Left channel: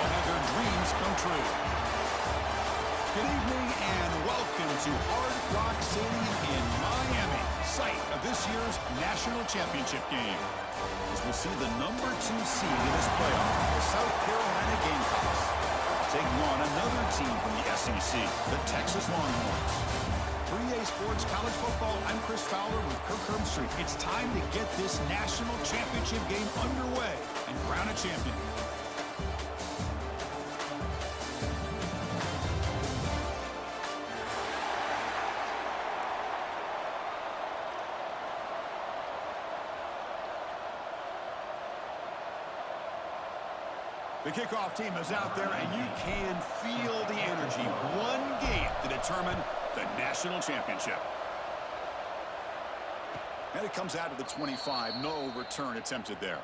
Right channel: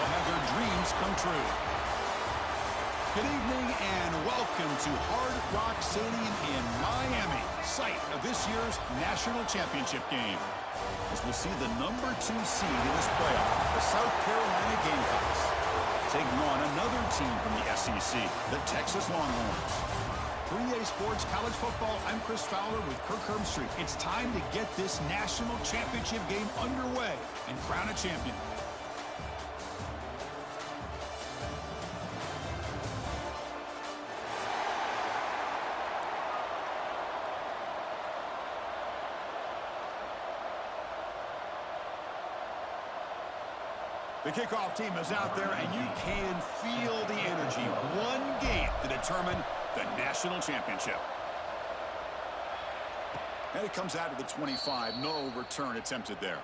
will have their dreams come true. Good evening and welcome to Hard Rock Stadium in Miami, site of this year's national championship game. As we'll see the #2 seed in this playoff, the South Carolina Gamecocks, taking on another team from the SEC, the Texas Longhorns. 3A Sports College Football, I'm Chris Fowler with Kirk Herbstreit. It's time to get this national championship game underway and crown a champion. The kickoff team is out there, and you can feel the energy. One game to determine the national championship. And it comes out of the 25. No return attempted there.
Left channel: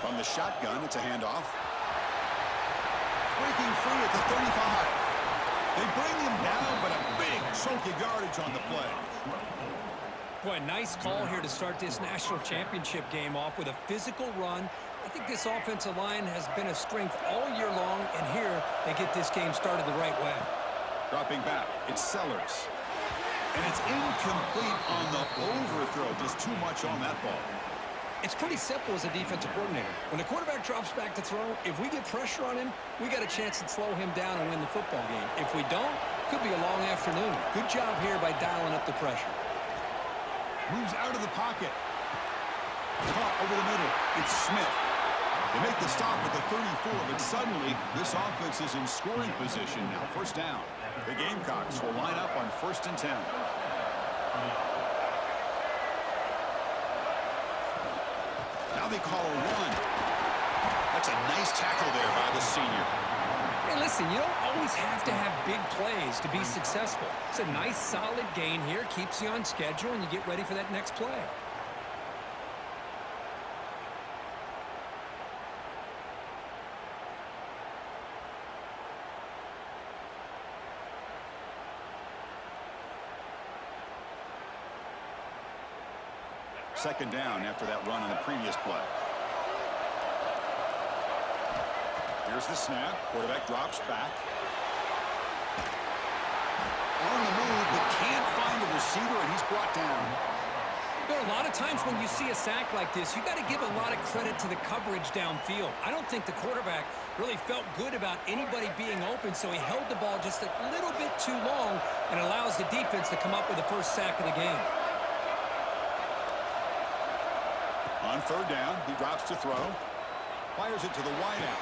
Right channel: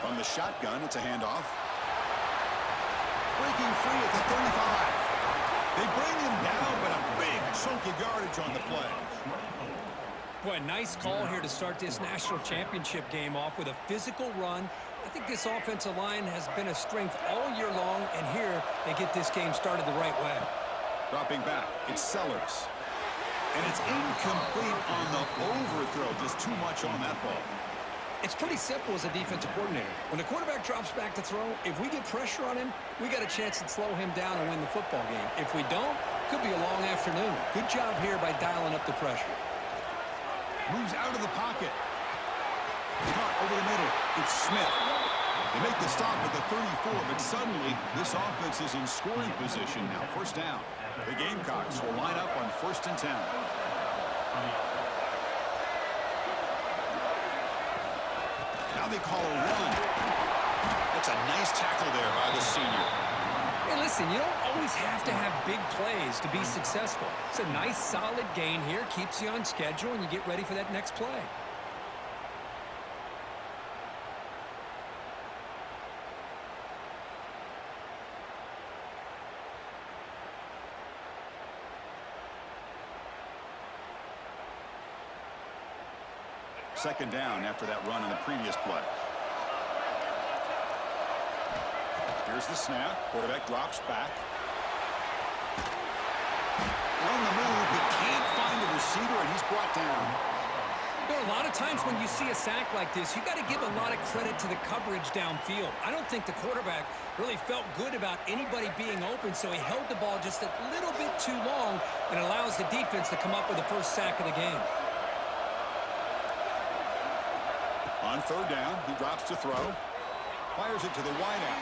From the shotgun, it's a handoff. Breaking free at the 35. They bring him down, but a big chunk of yardage on the play. Boy, nice call here to start this national championship game off with a physical run. I think this offensive line has been a strength all year long, and here they get this game started the right way. Dropping back, it's Sellers. And it's incomplete on the overthrow. Just too much on that ball. It's pretty simple as a defensive coordinator. When the quarterback drops back to throw, if we get pressure on him, we got a chance to slow him down and win the football game. If we don't, could be a long afternoon. Good job here by dialing up the pressure. Moves out of the pocket. Caught over the middle. It's Smith. They make the stop at the 34, but suddenly this offense is in scoring position now. First down. The Gamecocks will line up on 1st and 10. Now they call a run. That's a nice tackle there by the senior. Hey, listen, you don't always have to have big plays to be successful. It's a nice, solid gain here. Keeps you on schedule, and you get ready for that next play. Second down after that run in the previous play. Here's the snap. Quarterback drops back. On the move, but can't find a receiver, and he's brought down. There are a lot of times when you see a sack like this, you got to give a lot of credit to the coverage downfield. I don't think the quarterback really felt good about anybody being open, so he held the ball just a little bit too long and allows the defense to come up with the first sack of the game. On 3rd down, he drops to throw. Fires it to the wideout.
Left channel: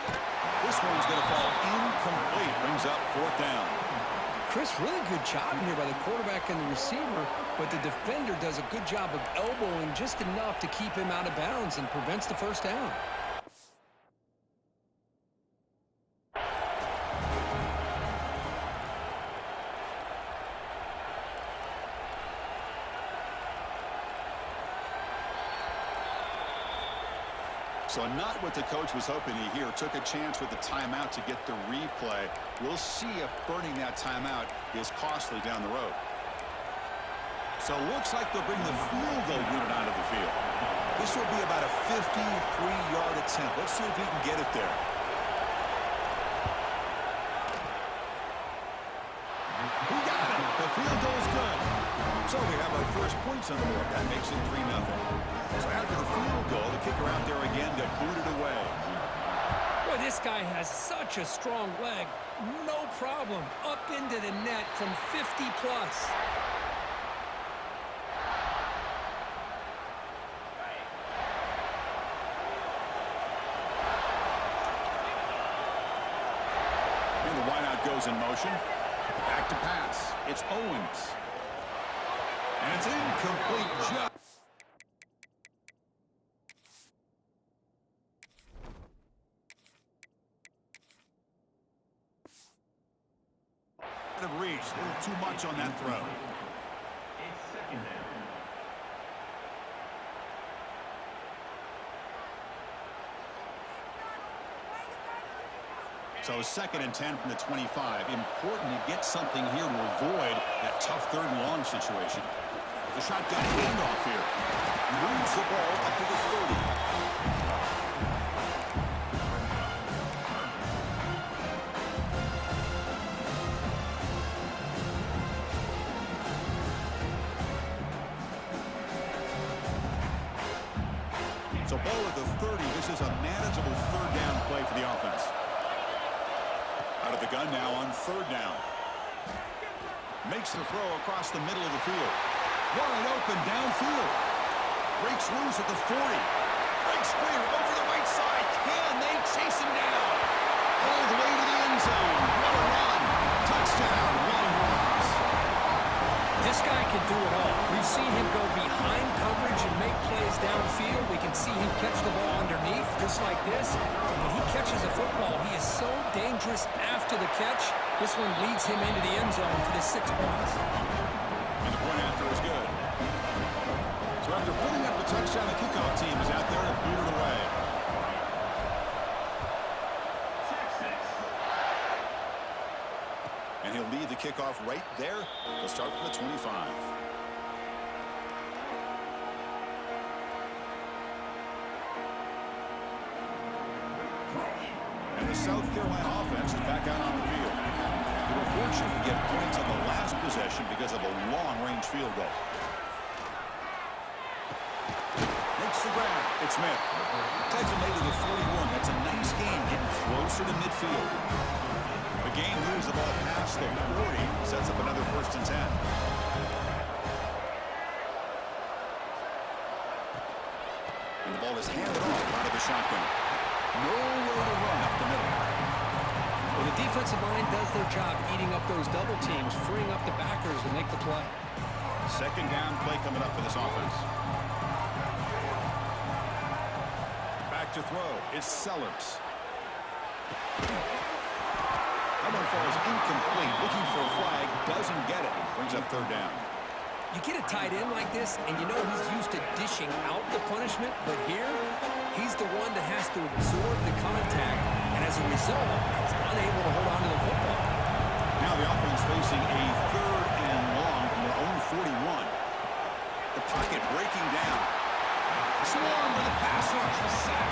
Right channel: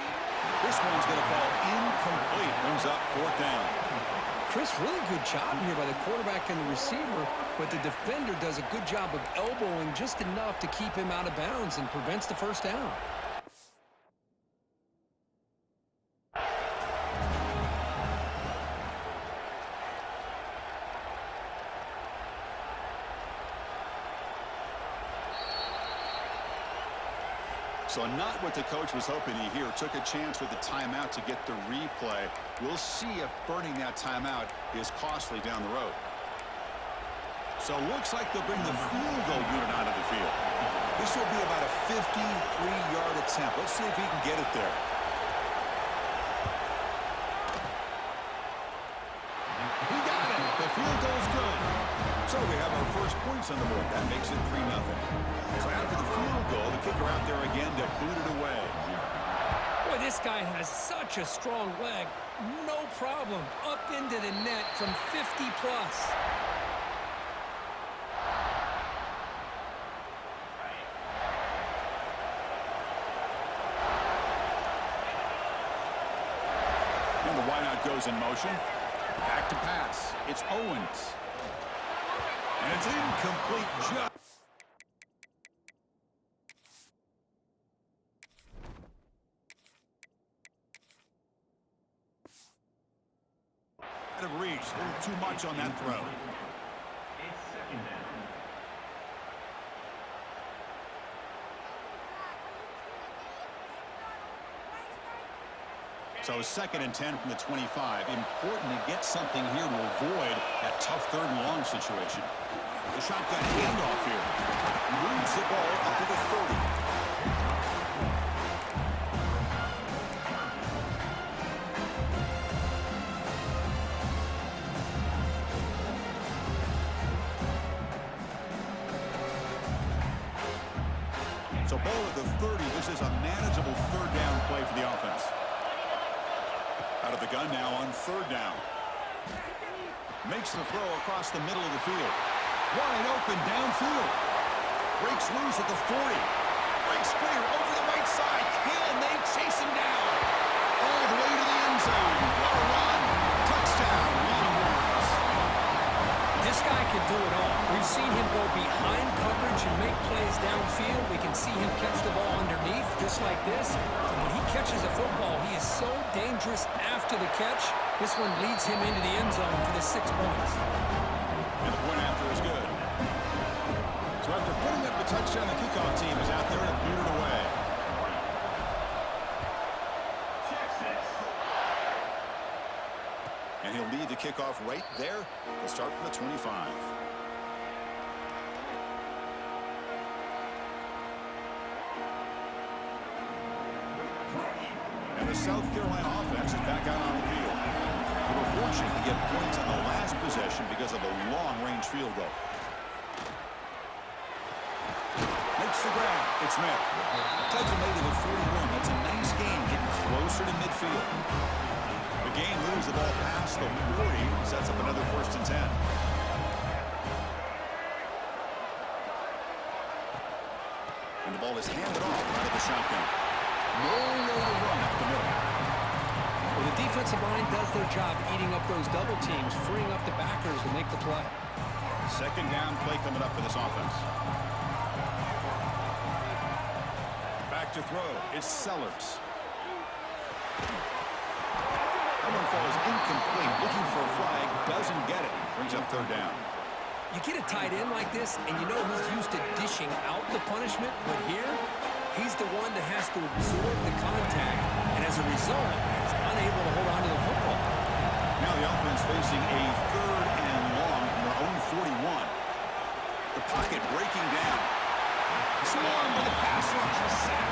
This one's going to fall incomplete. Brings up 4th down. Chris, really good job here by the quarterback and the receiver, but the defender does a good job of elbowing just enough to keep him out of bounds and prevents the first down. So not what the coach was hoping to hear. Took a chance with the timeout to get the replay. We'll see if burning that timeout is costly down the road. So looks like they'll bring the field goal unit onto the field. This will be about a 53-yard attempt. Let's see if he can get it there. He got it. The field goal's good. So we have our first points on the board. That makes it 3-0. So after the field goal, the kicker out there again to boot it away. Boy, this guy has such a strong leg. No problem. Up into the net from 50-plus. And the wideout goes in motion. Back to pass. It's Owens. And it's incomplete just. Out of reach. A little too much on that throw. It's 2nd down. So 2nd and 10 from the 25. Important to get something here to avoid that tough 3rd and long situation. The shotgun handoff here. Moves the ball up to the 30. So ball at the 30. This is a manageable 3rd down play for the offense. Out of the gun now on 3rd down. Makes the throw across the middle of the field. Wide open downfield. Breaks loose at the 40. Breaks clear over the right side. Can they chase him down? All the way to the end zone. What a run. Touchdown, Longhorns. This guy can do it all. We've seen him go behind coverage and make plays downfield. We can see him catch the ball underneath just like this. And when he catches a football, he is so dangerous after the catch. This one leads him into the end zone for the 6 points. And the point after is good. So after putting up the touchdown, the kickoff team is out there to boot it away. And he'll lead the kickoff right there. He'll start from the 25. And the South Carolina offense is back out on the field. They were fortunate to get points on the last possession because of a long-range field goal. Makes the grab. It's Smith. Tackle made to the 41. That's a nice game getting closer to midfield. The game moves the ball past the 40. Sets up another 1st and 10. And the ball is handed off out of the shotgun. Nowhere to run up the middle. Well, the defensive line does their job eating up those double teams, freeing up the backers to make the play. 2nd down play coming up for this offense. Back to throw. It's Sellers. That one falls incomplete. Looking for a flag. Doesn't get it. Brings up 3rd down. You get a tight end like this, and you know he's used to dishing out the punishment, but here, he's the one that has to absorb the contact, and as a result, he's unable to hold on to the football. Now the offense facing a 3rd and long from their own 41. The pocket breaking down. Swarm with the pass rush. A sack.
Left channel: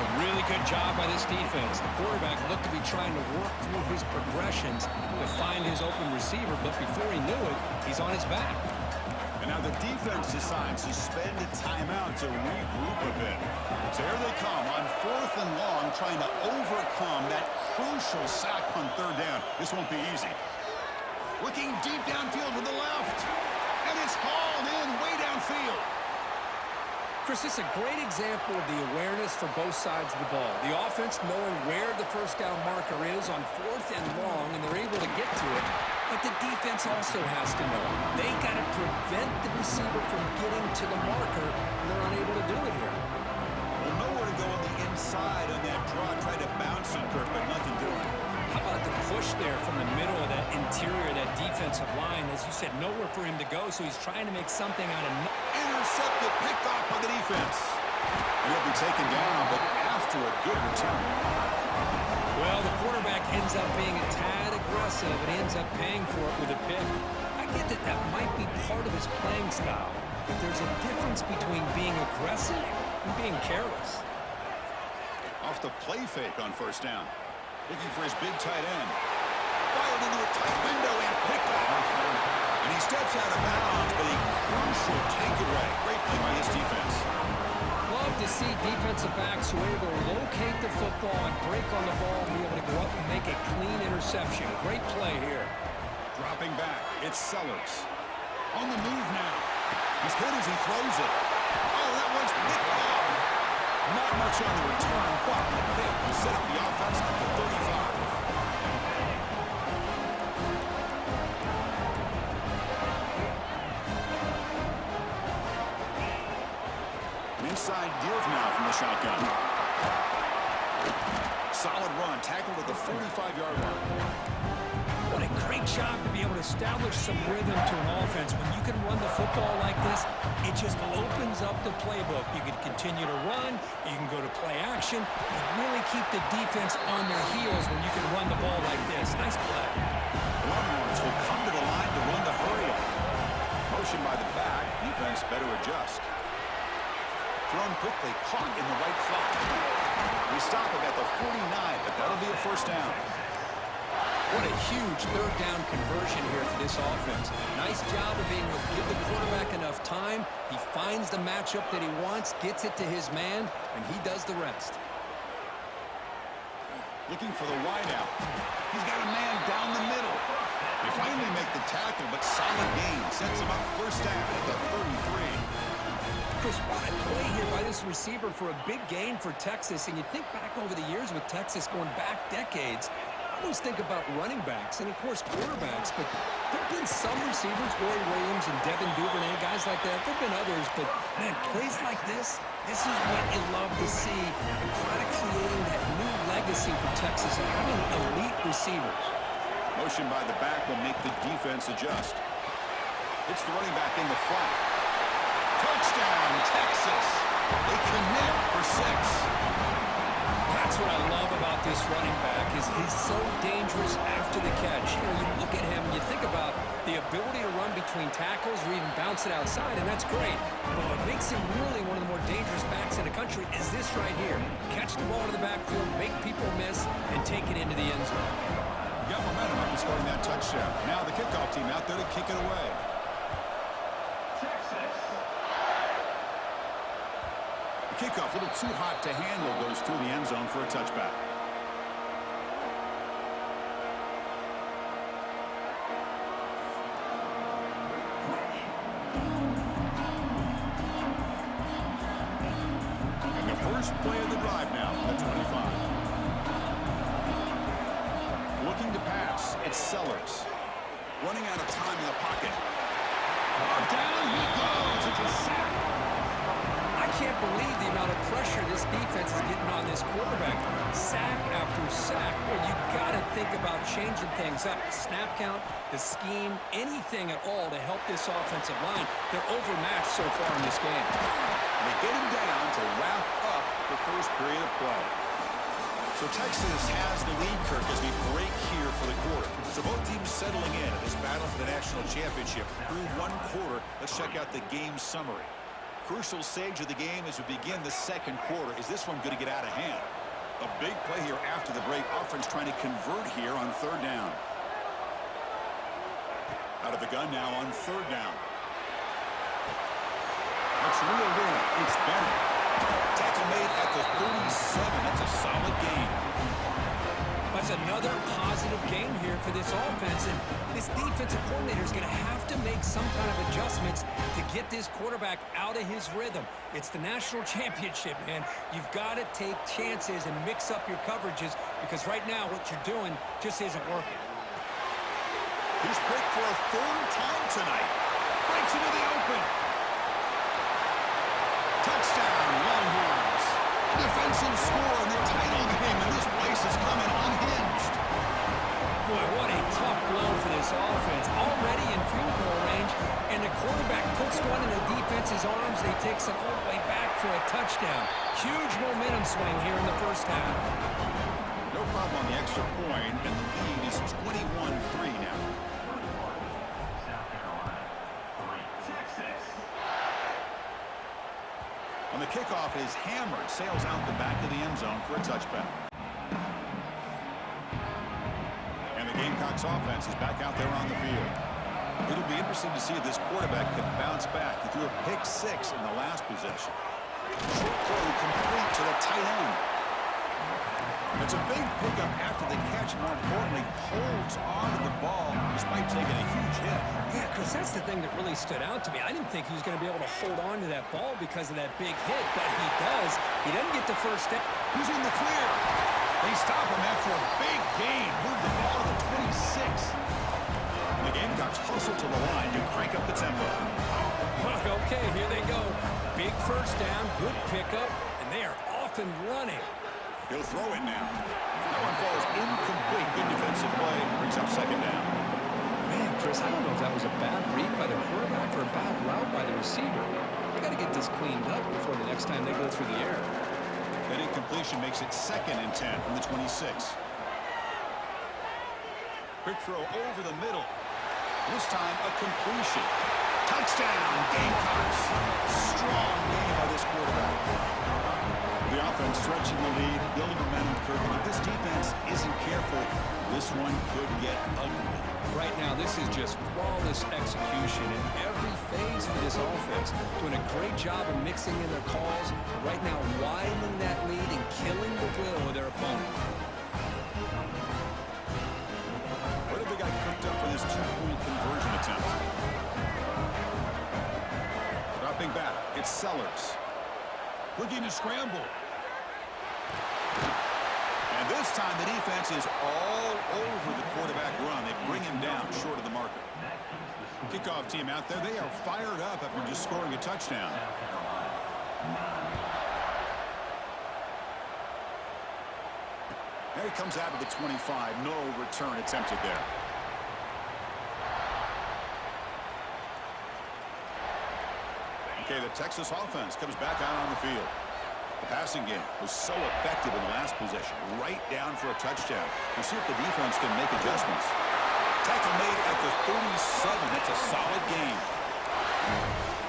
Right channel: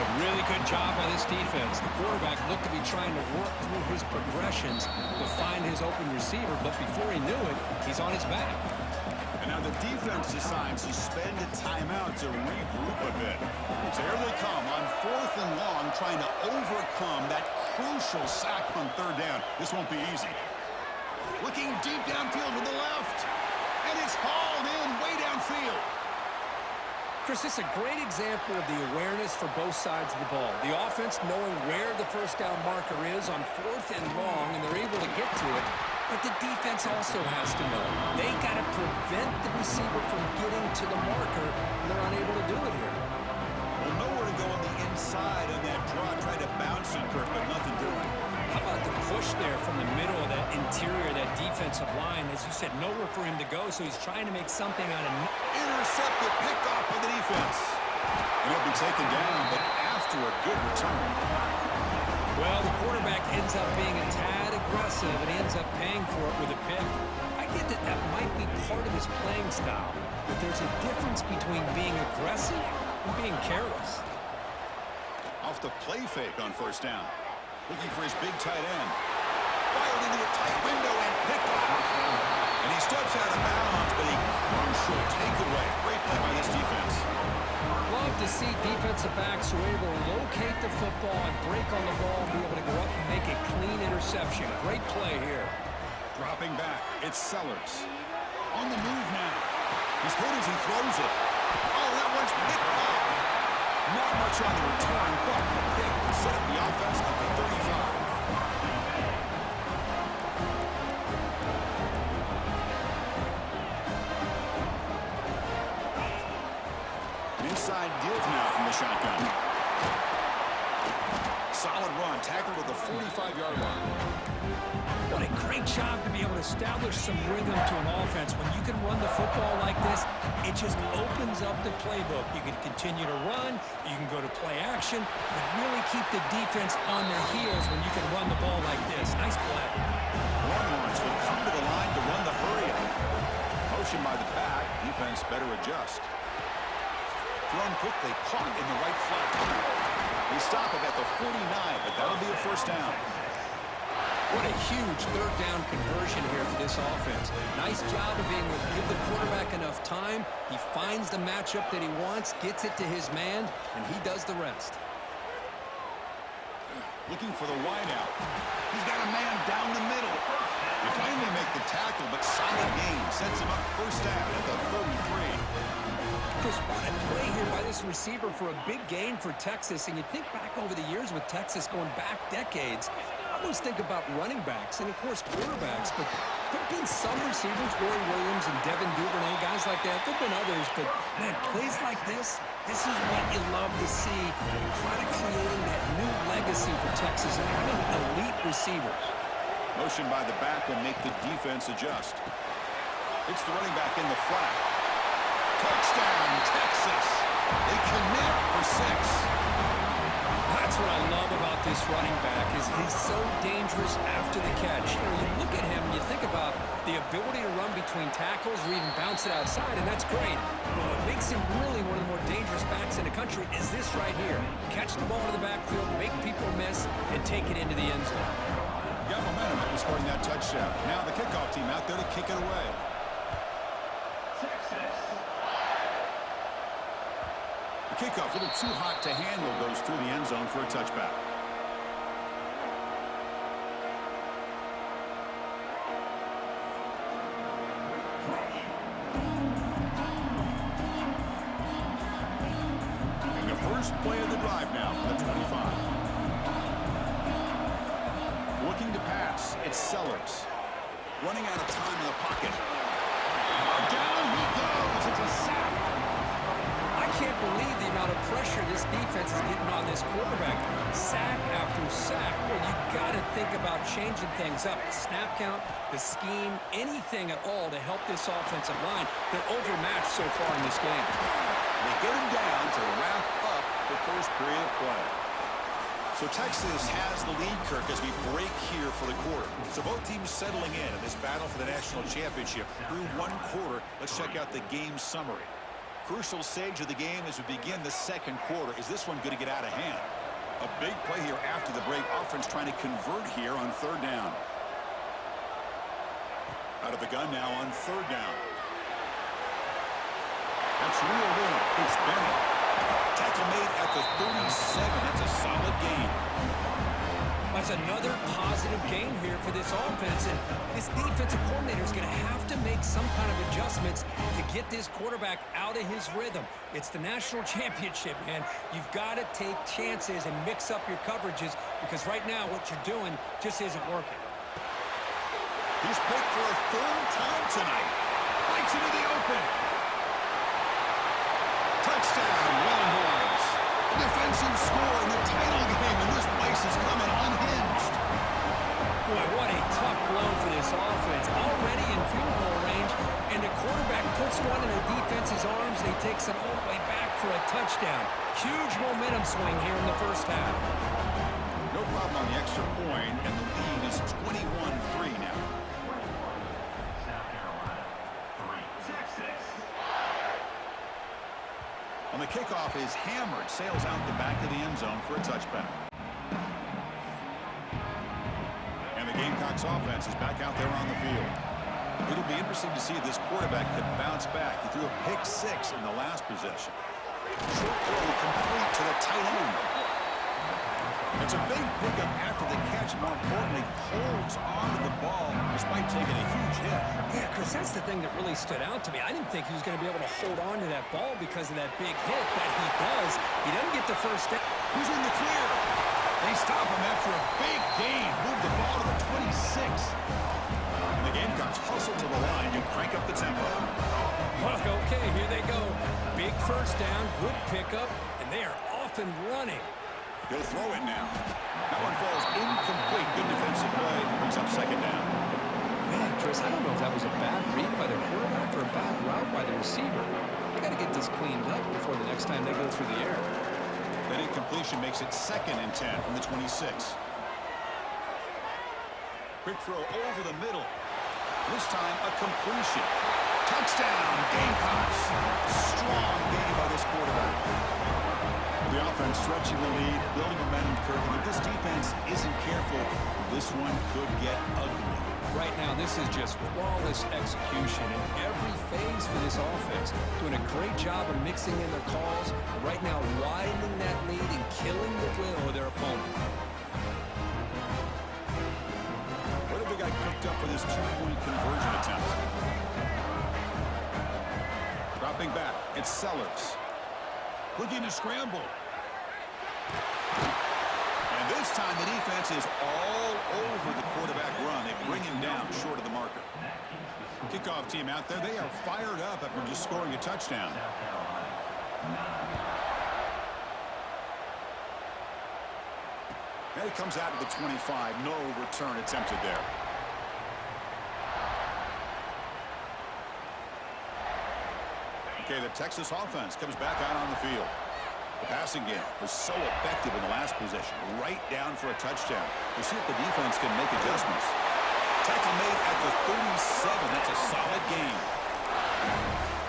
A really good job by this defense. The quarterback looked to be trying to work through his progressions to find his open receiver, but before he knew it, he's on his back. And now the defense decides to spend a timeout to regroup a bit. So here they come on 4th and long, trying to overcome that crucial sack on 3rd down. This won't be easy. Looking deep downfield with the left. And it's hauled in way downfield. Chris, this is a great example of the awareness for both sides of the ball. The offense knowing where the 1st down marker is on 4th and long, and they're able to get to it. But the defense also has to know. They got to prevent the receiver from getting to the marker, and they're unable to do it here. Well, nowhere to go on the inside on that draw. Tried to bounce it, Kirk, but nothing doing. How about the push there from the middle of that interior, that defensive line? As you said, nowhere for him to go, so he's trying to make something out of nothing. Intercepted, picked off by the defense. And he'll be taken down, but after a good return. Well, the quarterback ends up being a tad aggressive, and he ends up paying for it with a pick. I get that that might be part of his playing style, but there's a difference between being aggressive and being careless. Off the play fake on 1st down. Looking for his big tight end. Fired into a tight window and picked off. And he steps out of bounds, but a crucial takeaway. Great play by this defense. Love to see defensive backs who are able to locate the football and break on the ball and be able to go up and make a clean interception. Great play here. Dropping back, it's Sellers. On the move now. He's hit as he throws it. Oh, that one's picked off. Not much on the return, but the pick will set up the offense at the 35. An inside give now from the shotgun. solid run, tackled at the 45-yard line. What a great job to be able to establish some rhythm to an offense. When you can run the football like this, it just opens up the playbook. You can continue to run, you can go to play action, and really keep the defense on their heels when you can run the ball like this. Nice play. Longhorns will come to the line to run the hurry up. Motion by the back, defense better adjust. Thrown quickly, caught in the right flat. They stop him at the 49, but that'll be a first down. What a huge third down conversion here for this offense. Nice job of being able to give the quarterback enough time. He finds the matchup that he wants, gets it to his man, and he does the rest. Looking for the wideout. He's got a man down the middle. They finally make the tackle, but solid gain sets him up first down at the 33. Chris, what a play here by this receiver for a big gain for Texas. And you think back over the years with Texas going back decades, I always think about running backs and, of course, quarterbacks. But there have been some receivers, Roy Williams and Devin Duvernay, guys like that. There have been others, but, man, plays like this is what you love to see. And kind of creating that new legacy for Texas of having elite receivers. Motion by the back will make the defense adjust. It's the running back in the flat. Touchdown, Texas. They connect for 6. That's what I love about this running back is he's so dangerous after the catch. You know, you look at him and you think about the ability to run between tackles or even bounce it outside, and that's great. But what makes him really one of the more dangerous backs in the country is this right here. Catch the ball in the backfield, make people miss, and take it into the end zone. Got momentum after scoring that touchdown. Now the kickoff team out there to kick it away. The kickoff, a little too hot to handle, goes through the end zone for a touchback. And the first play of the drive now for the 25. Looking to pass, it's Sellers. Running out of time in the pocket. Oh, down he goes. It's a sack. I can't believe the amount of pressure this defense is getting on this quarterback. Sack after sack. Well, you got to think about changing things up. Snap count, the scheme, anything at all to help this offensive line. They're overmatched so far in this game. They get him down to wrap up the first period of play. So Texas has the lead, Kirk, as we break here for the quarter. So both teams settling in this battle for the national championship through one quarter. Let's check out the game summary. Crucial stage of the game as we begin the second quarter. Is this one going to get out of hand? A big play here after the break. Offense trying to convert here on third down. Out of the gun now on third down. That's reeled in. It's Bennett. Tackle made at the 37. That's a solid gain. That's another positive game here for this offense, and this defensive coordinator is going to have to make some kind of adjustments to get this quarterback out of his rhythm. It's the national championship, man. You've got to take chances and mix up your coverages because right now what you're doing just isn't working. He's picked for a third time tonight. Breaks into the open. Touchdown, Longhorns. Defensive score in the title game, and this place is coming unhinged. Boy, what a tough blow for this offense. Already in field goal range, and the quarterback puts one in the defense's arms, and he takes it all the way back for a touchdown. Huge momentum swing here in the first half. No problem on the extra point, and the lead is 21-3 now. South Carolina, 3. Texas. On the kickoff is hammered, sails out the back of the end zone for a touchback. And the Gamecocks offense is back out there on the field. It'll be interesting to see if this quarterback can bounce back. He threw a pick 6 in the last possession. Short throw complete to the tight end. It's a big pickup after the catch. More importantly, holds on to the ball despite taking a huge hit. Yeah, Chris, that's the thing that really stood out to me. I didn't think he was going to be able to hold on to that ball because of that big hit, but he does. He doesn't get the first step. He's in the clear. They stop him after a big gain. Move the ball to the 26. And the Gamecocks hustle to the line to crank up the tempo. Okay, here they go. Big first down, good pickup, and they are off and running. He'll throw it now. That one falls incomplete. Good defensive play. Brings up second down. Man, Chris, I don't know if that was a bad read by the quarterback or a bad route by the receiver. They got to get this cleaned up before the next time they go through the air. That incompletion makes it 2nd and 10 from the 26. Quick throw over the middle. This time a completion. Touchdown, Gamecocks. Strong game by this quarterback. The offense stretching the lead, building momentum, Kirk. And if this defense isn't careful, this one could get ugly. Right now, this is just flawless execution in every phase for this offense. Doing a great job of mixing in their calls. Right now, widening that lead and killing the will of their opponent. What have they got cooked up for this 2-point conversion attempt? Dropping back, it's Sellers. Looking to scramble. And this time the defense is all over the quarterback run. They bring him down short of the marker. Kickoff team out there. They are fired up after just scoring a touchdown. And he comes out of the 25. No return attempted there. Okay, the Texas offense comes back out on the field. The passing game was so effective in the last possession, right down for a touchdown. We'll see if the defense can make adjustments. Tackle made at the 37. That's a solid game.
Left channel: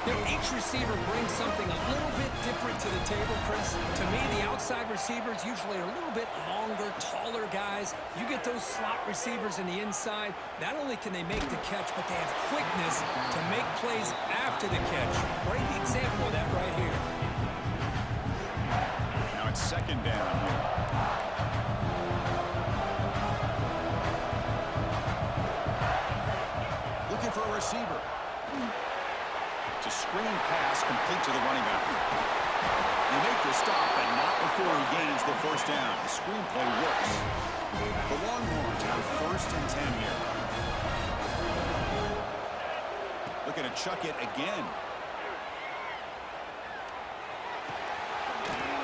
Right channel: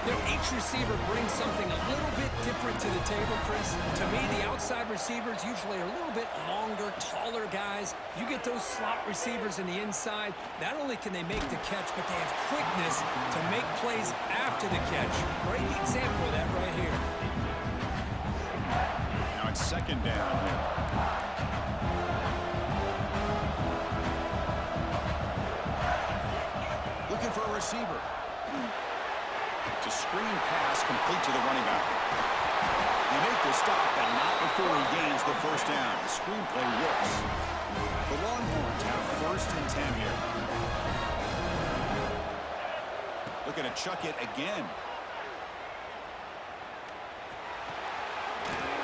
You know, each receiver brings something a little bit different to the table, Chris. To me, the outside receivers usually are a little bit longer, taller guys. You get those slot receivers in the inside, not only can they make the catch, but they have quickness to make plays after the catch. Great example of that right here. Now it's second down here. Looking for a receiver. To screen pass complete to the running back. They make the stop, but not before he gains the first down. The screenplay works. The Longhorns have 1st and 10 here. Looking to chuck it again.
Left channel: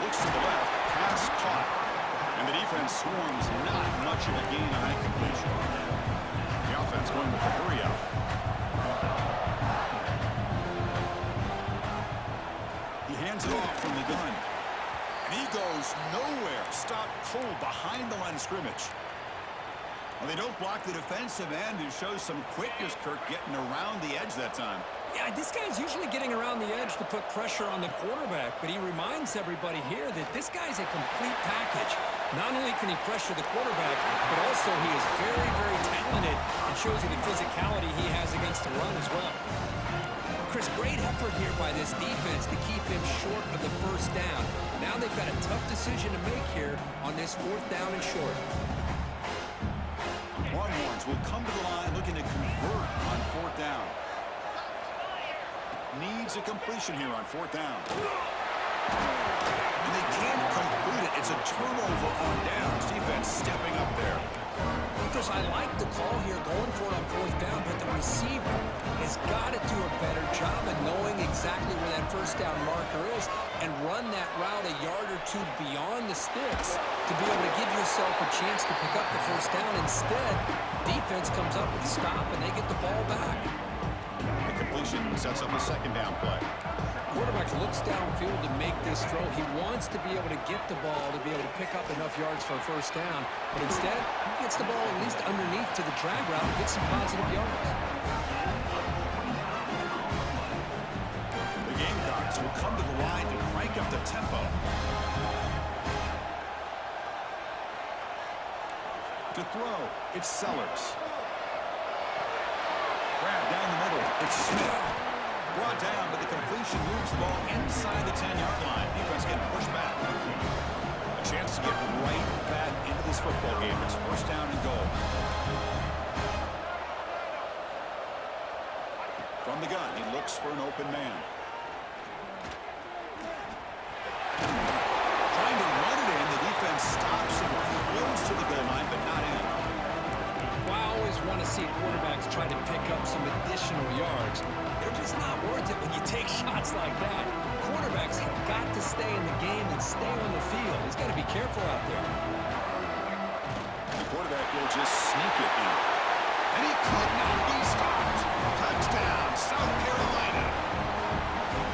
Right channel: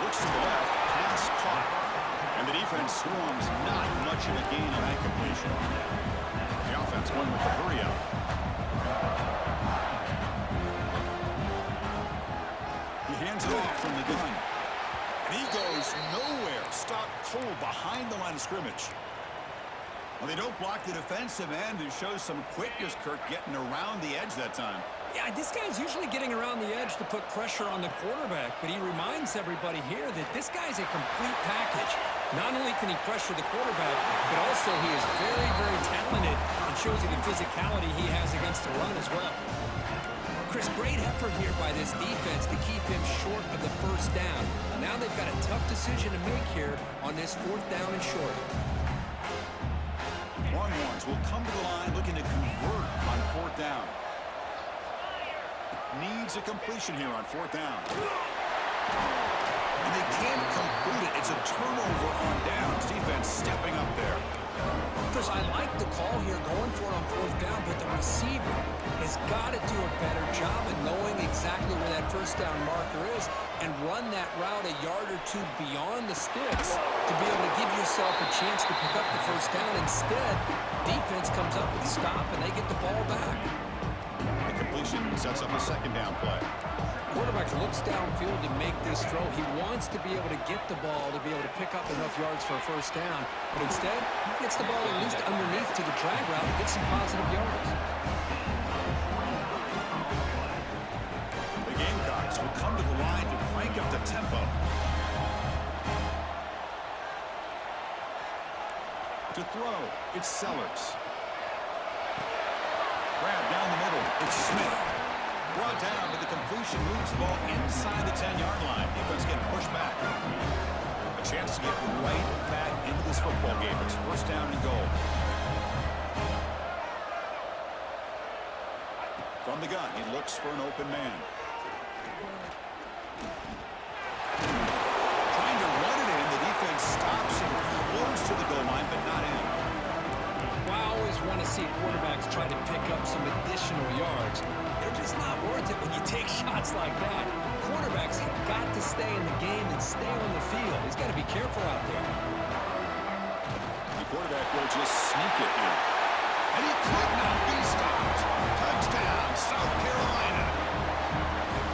Looks to the left, pass caught. And the defense swarms, not much of a gain on that completion. The offense going with the hurry up. He hands it off from the gun. And he goes nowhere. Stopped cold behind the line of scrimmage. Well, they don't block the defensive end, who shows some quickness, Kirk, getting around the edge that time. Yeah, this guy's usually getting around the edge to put pressure on the quarterback, but he reminds everybody here that this guy's a complete package. Not only can he pressure the quarterback, but also he is very, very talented and shows you the physicality he has against the run as well. Chris, great effort here by this defense to keep him short of the first down. Now they've got a tough decision to make here on this 4th down and short. Longhorns will come to the line looking to convert on 4th down. Needs a completion here on 4th down. And they can't complete it. It's a turnover on downs. Defense stepping up there. Chris, I like the call here going for it on 4th down, but the receiver has got to do a better job of knowing exactly where that first down marker is and run that route a yard or two beyond the sticks to be able to give yourself a chance to pick up the first down. Instead, defense comes up with a stop and they get the ball back. The completion sets up a 2nd down play. Quarterback looks downfield to make this throw. He wants to be able to get the ball to be able to pick up enough yards for a first down. But instead, he gets the ball at least underneath to the drag route and gets some positive yards. The Gamecocks will come to the line to crank up the tempo. To throw, it's Sellers. Grab down the middle, it's Smith. Brought down, but the completion moves the ball inside the 10-yard line. Defense getting pushed back. A chance to get right back into this football game. It's 1st down and goal. From the gun, he looks for an open man. Trying to run it in. The defense stops him close to the goal line, but not in. Well, I always want to see quarterbacks try to pick up some additional yards. They're just not worth it when you take shots like that. quarterbacks have got to stay in the game and stay on the field. He's got to be careful out there. The quarterback will just sneak it in. And he could not be stopped. Touchdown, South Carolina.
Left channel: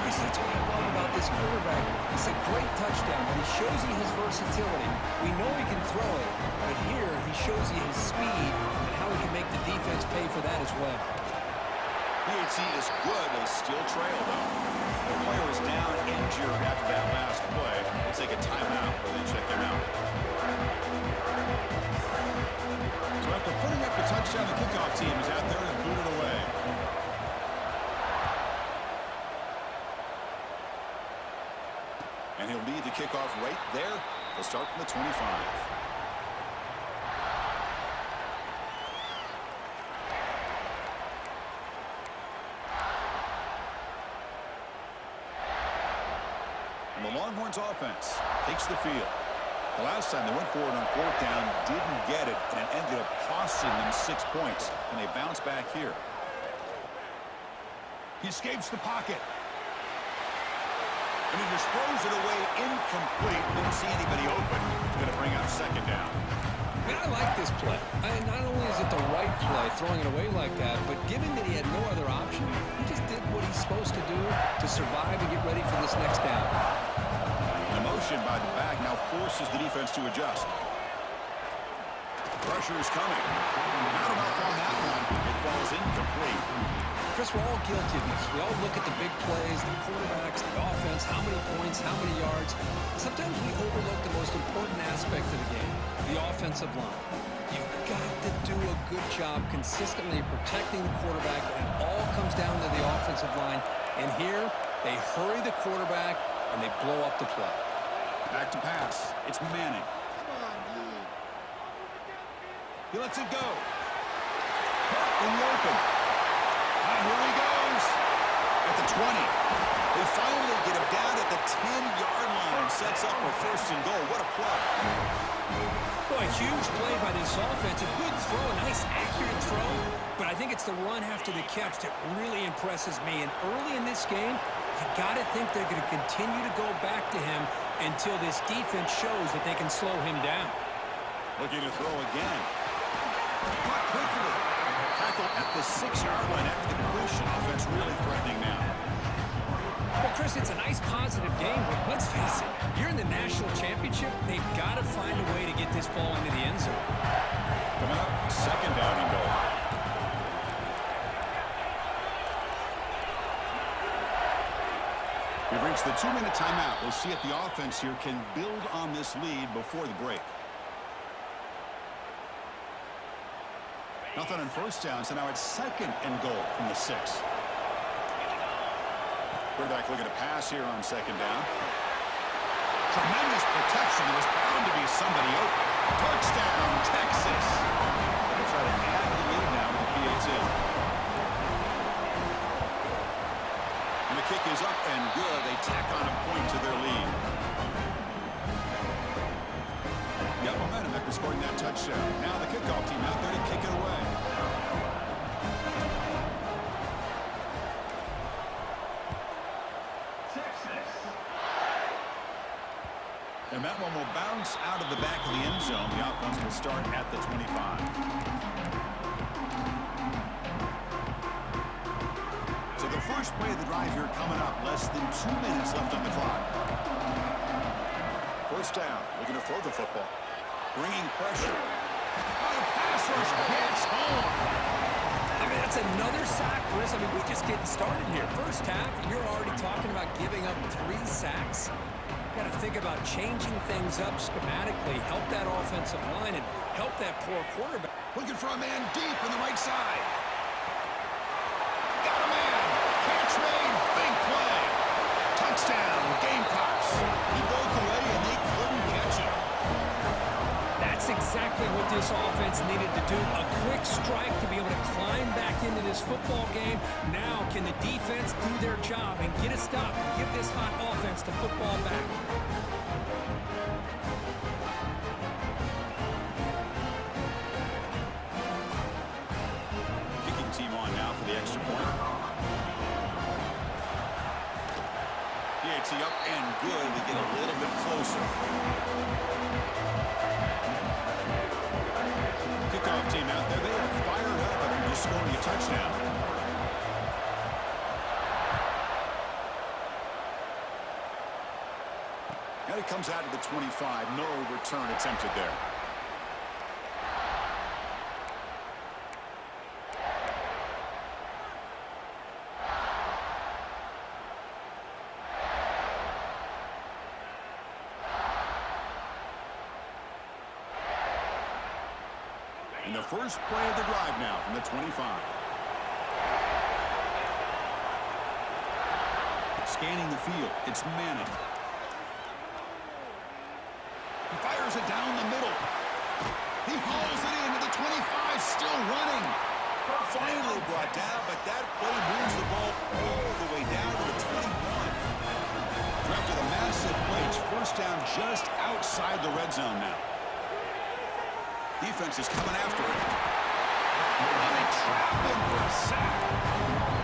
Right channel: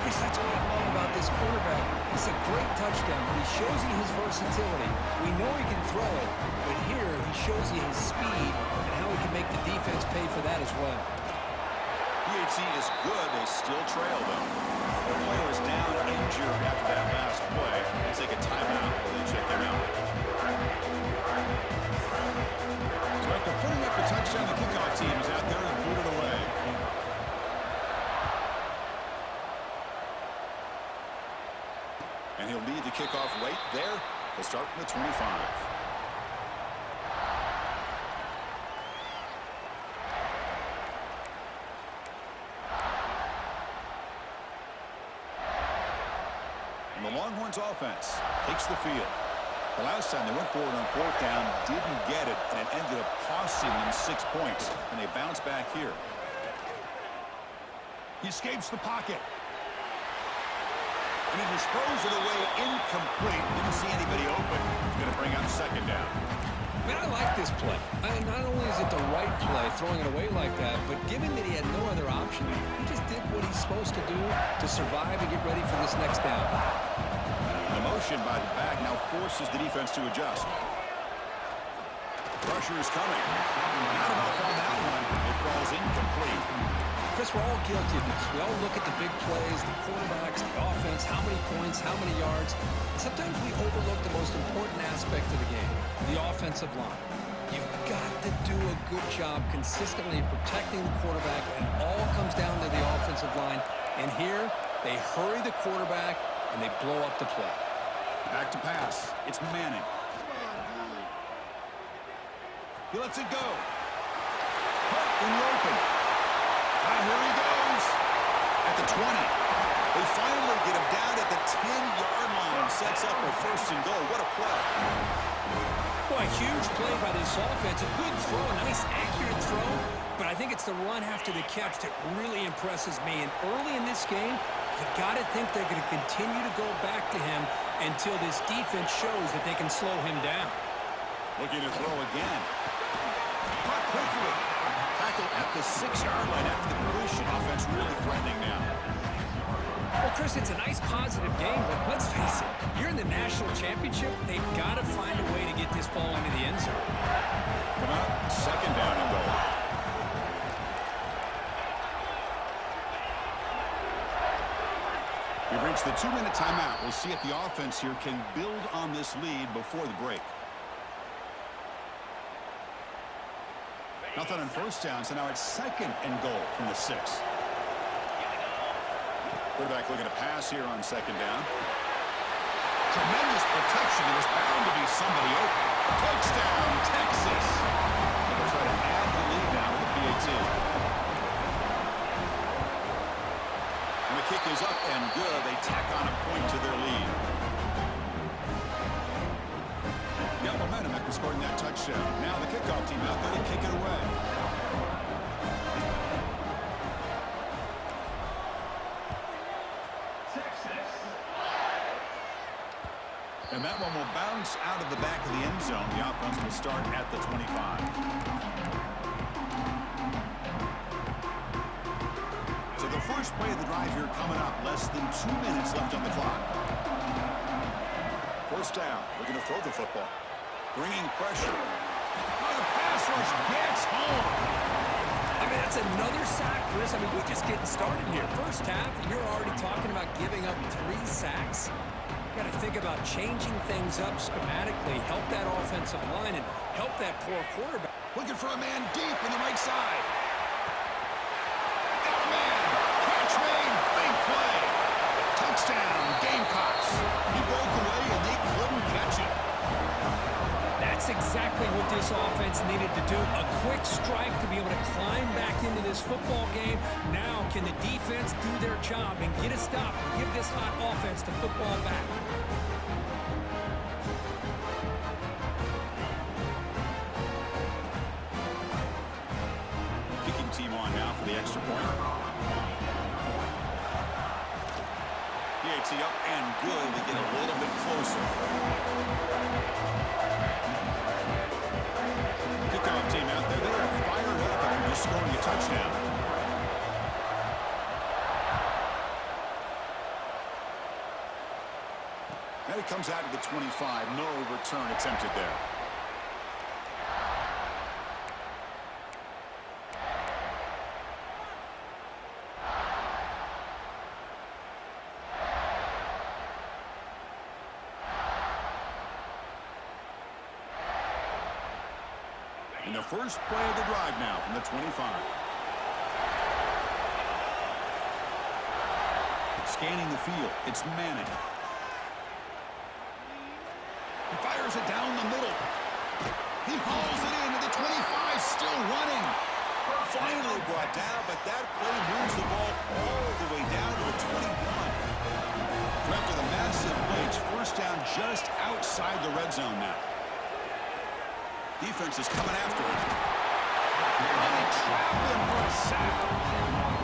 Chris, that's what I love about this quarterback. It's a great touchdown, but he shows you his versatility. We know he can throw it, but here he shows you his speed and how he can make the defense pay for that as well. PAT is good. They still trail, though. The player is down injured after that last play. Let's take a timeout while they check him out. So after putting up a touchdown, the kickoff team is out there and booted away. And he'll lead the kickoff right there. He'll start from the 25. And the Longhorns offense takes the field. The last time they went forward on fourth down, didn't get it, and it ended up costing them 6 points. And they bounce back here. He escapes the pocket. And he just throws it away incomplete. Didn't see anybody open. He's going to bring up second down. Man, I like this play. Not only is it the right play, throwing it away like that, but given that he had no other option, he just did what he's supposed to do to survive and get ready for this next down. The motion by the back now forces the defense to adjust. Pressure is coming. Not enough on that one. It falls incomplete. Chris, we're all guilty of this. We all look at the big plays, the quarterbacks, the offense, how many points, how many yards. And sometimes we overlook the most important aspect of the game, the offensive line. You've got to do a good job consistently protecting the quarterback, and all comes down to the offensive line. And here, they hurry the quarterback, and they blow up the play. Back to pass. It's Manning. He lets it go. Put in the open. Here he goes. At the 20. They finally get him down at the 10-yard line. Sets up a first and goal. What a play. Well, a huge play by this offense. A good throw, a nice accurate throw. But I think it's the run after the catch that really impresses me. And early in this game, you got to think they're going to continue to go back to him until this defense shows that they can slow him down. Looking to throw again. Caught quickly. Tackled at the 6-yard line after the completion. Offense really threatening now. Well, Chris, it's a nice positive game, but let's face it, you're in the national championship. They've got to find a way to get this ball into the end zone. Coming up, second down and goal. We've reached the 2-minute timeout. We'll see if the offense here can build on this lead before the break. Nothing on first down, so now it's second and goal from the 6. Quarterback looking to pass here on second down. Tremendous protection. There was bound to be somebody open. Touchdown, Texas. They'll try to add the lead now with the PAT. And the kick is up and good. They tack on a point to their lead. Got momentum after scoring that touchdown. Now the kickoff team out there to kick it away. Texas. And that one will bounce out of the back of the end zone. The offense will start at the 25. So the first play of the drive here coming up. Less than 2 minutes left on the clock. First down. Looking to throw the football. Bringing pressure. Oh, the pass rush gets home. I mean, that's another sack, Chris. I mean, we're just getting started here. First half, you're already talking about giving up 3 sacks. Got to think about changing things up schematically, help that offensive line, and help that poor quarterback. Looking for a man deep on the right side. Got a man. Catch made. Big play. Touchdown, Gamecocks. He broke away, and they couldn't catch him. That's exactly what this offense needed to do. A quick strike to be able to climb back into this football game. Now can the defense do their job and get a stop and give this hot offense the football back? Kicking team on now for the extra point. PAT Gets he up and good. They get a little bit closer. Kickoff team out there. They are fired up after just scoring a touchdown. And it comes out to the 25. No return attempted there. And the first play of the drive now from the 25. Scanning the field. It's Manning. He fires it down the middle. He hauls it into the 25, still running. Finally brought down, but that play moves the ball all the way down to the 21. After the massive play, it's first down just outside the red zone now. Defense is coming after him. Oh, they trap him for a sack.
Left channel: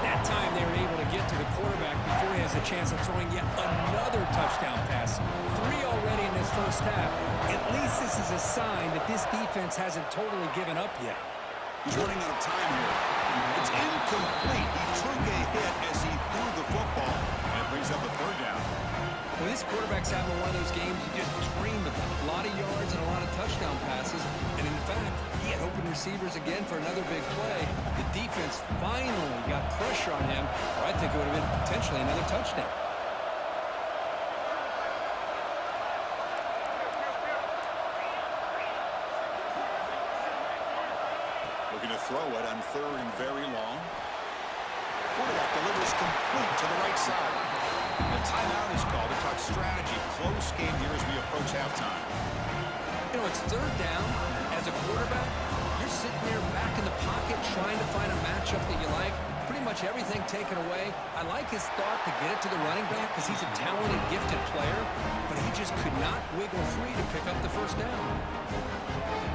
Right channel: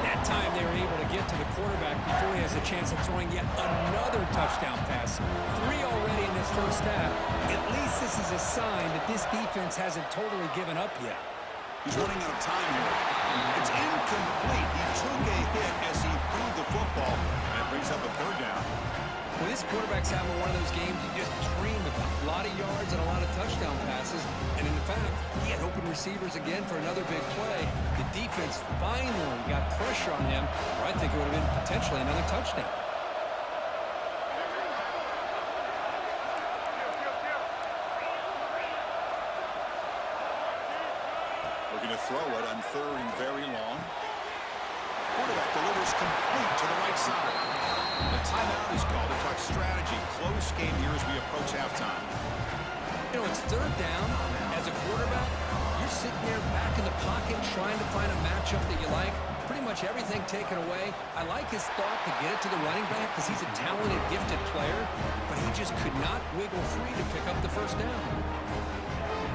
That time they were able to get to the quarterback before he has a chance of throwing yet another touchdown pass. 3 already in this first half. At least this is a sign that this defense hasn't totally given up yet. He's running out of time here. It's incomplete. He took a hit as he threw the football, and it brings up a third down. Well, this quarterback's having one of those games you just dream about. A lot of yards and a lot of touchdown passes. And in fact, he had open receivers again for another big play. The defense finally got pressure on him, or I think it would have been potentially another touchdown. Looking to throw it on 3rd and very long. Quarterback delivers complete to the right side. The timeout is called to talk strategy. Close game here as we approach halftime. You know, it's 3rd down. As a quarterback, you're sitting there back in the pocket trying to find a matchup that you like. Pretty much everything taken away. I like his thought to get it to the running back because he's a talented, gifted player, but he just could not wiggle free to pick up the first down.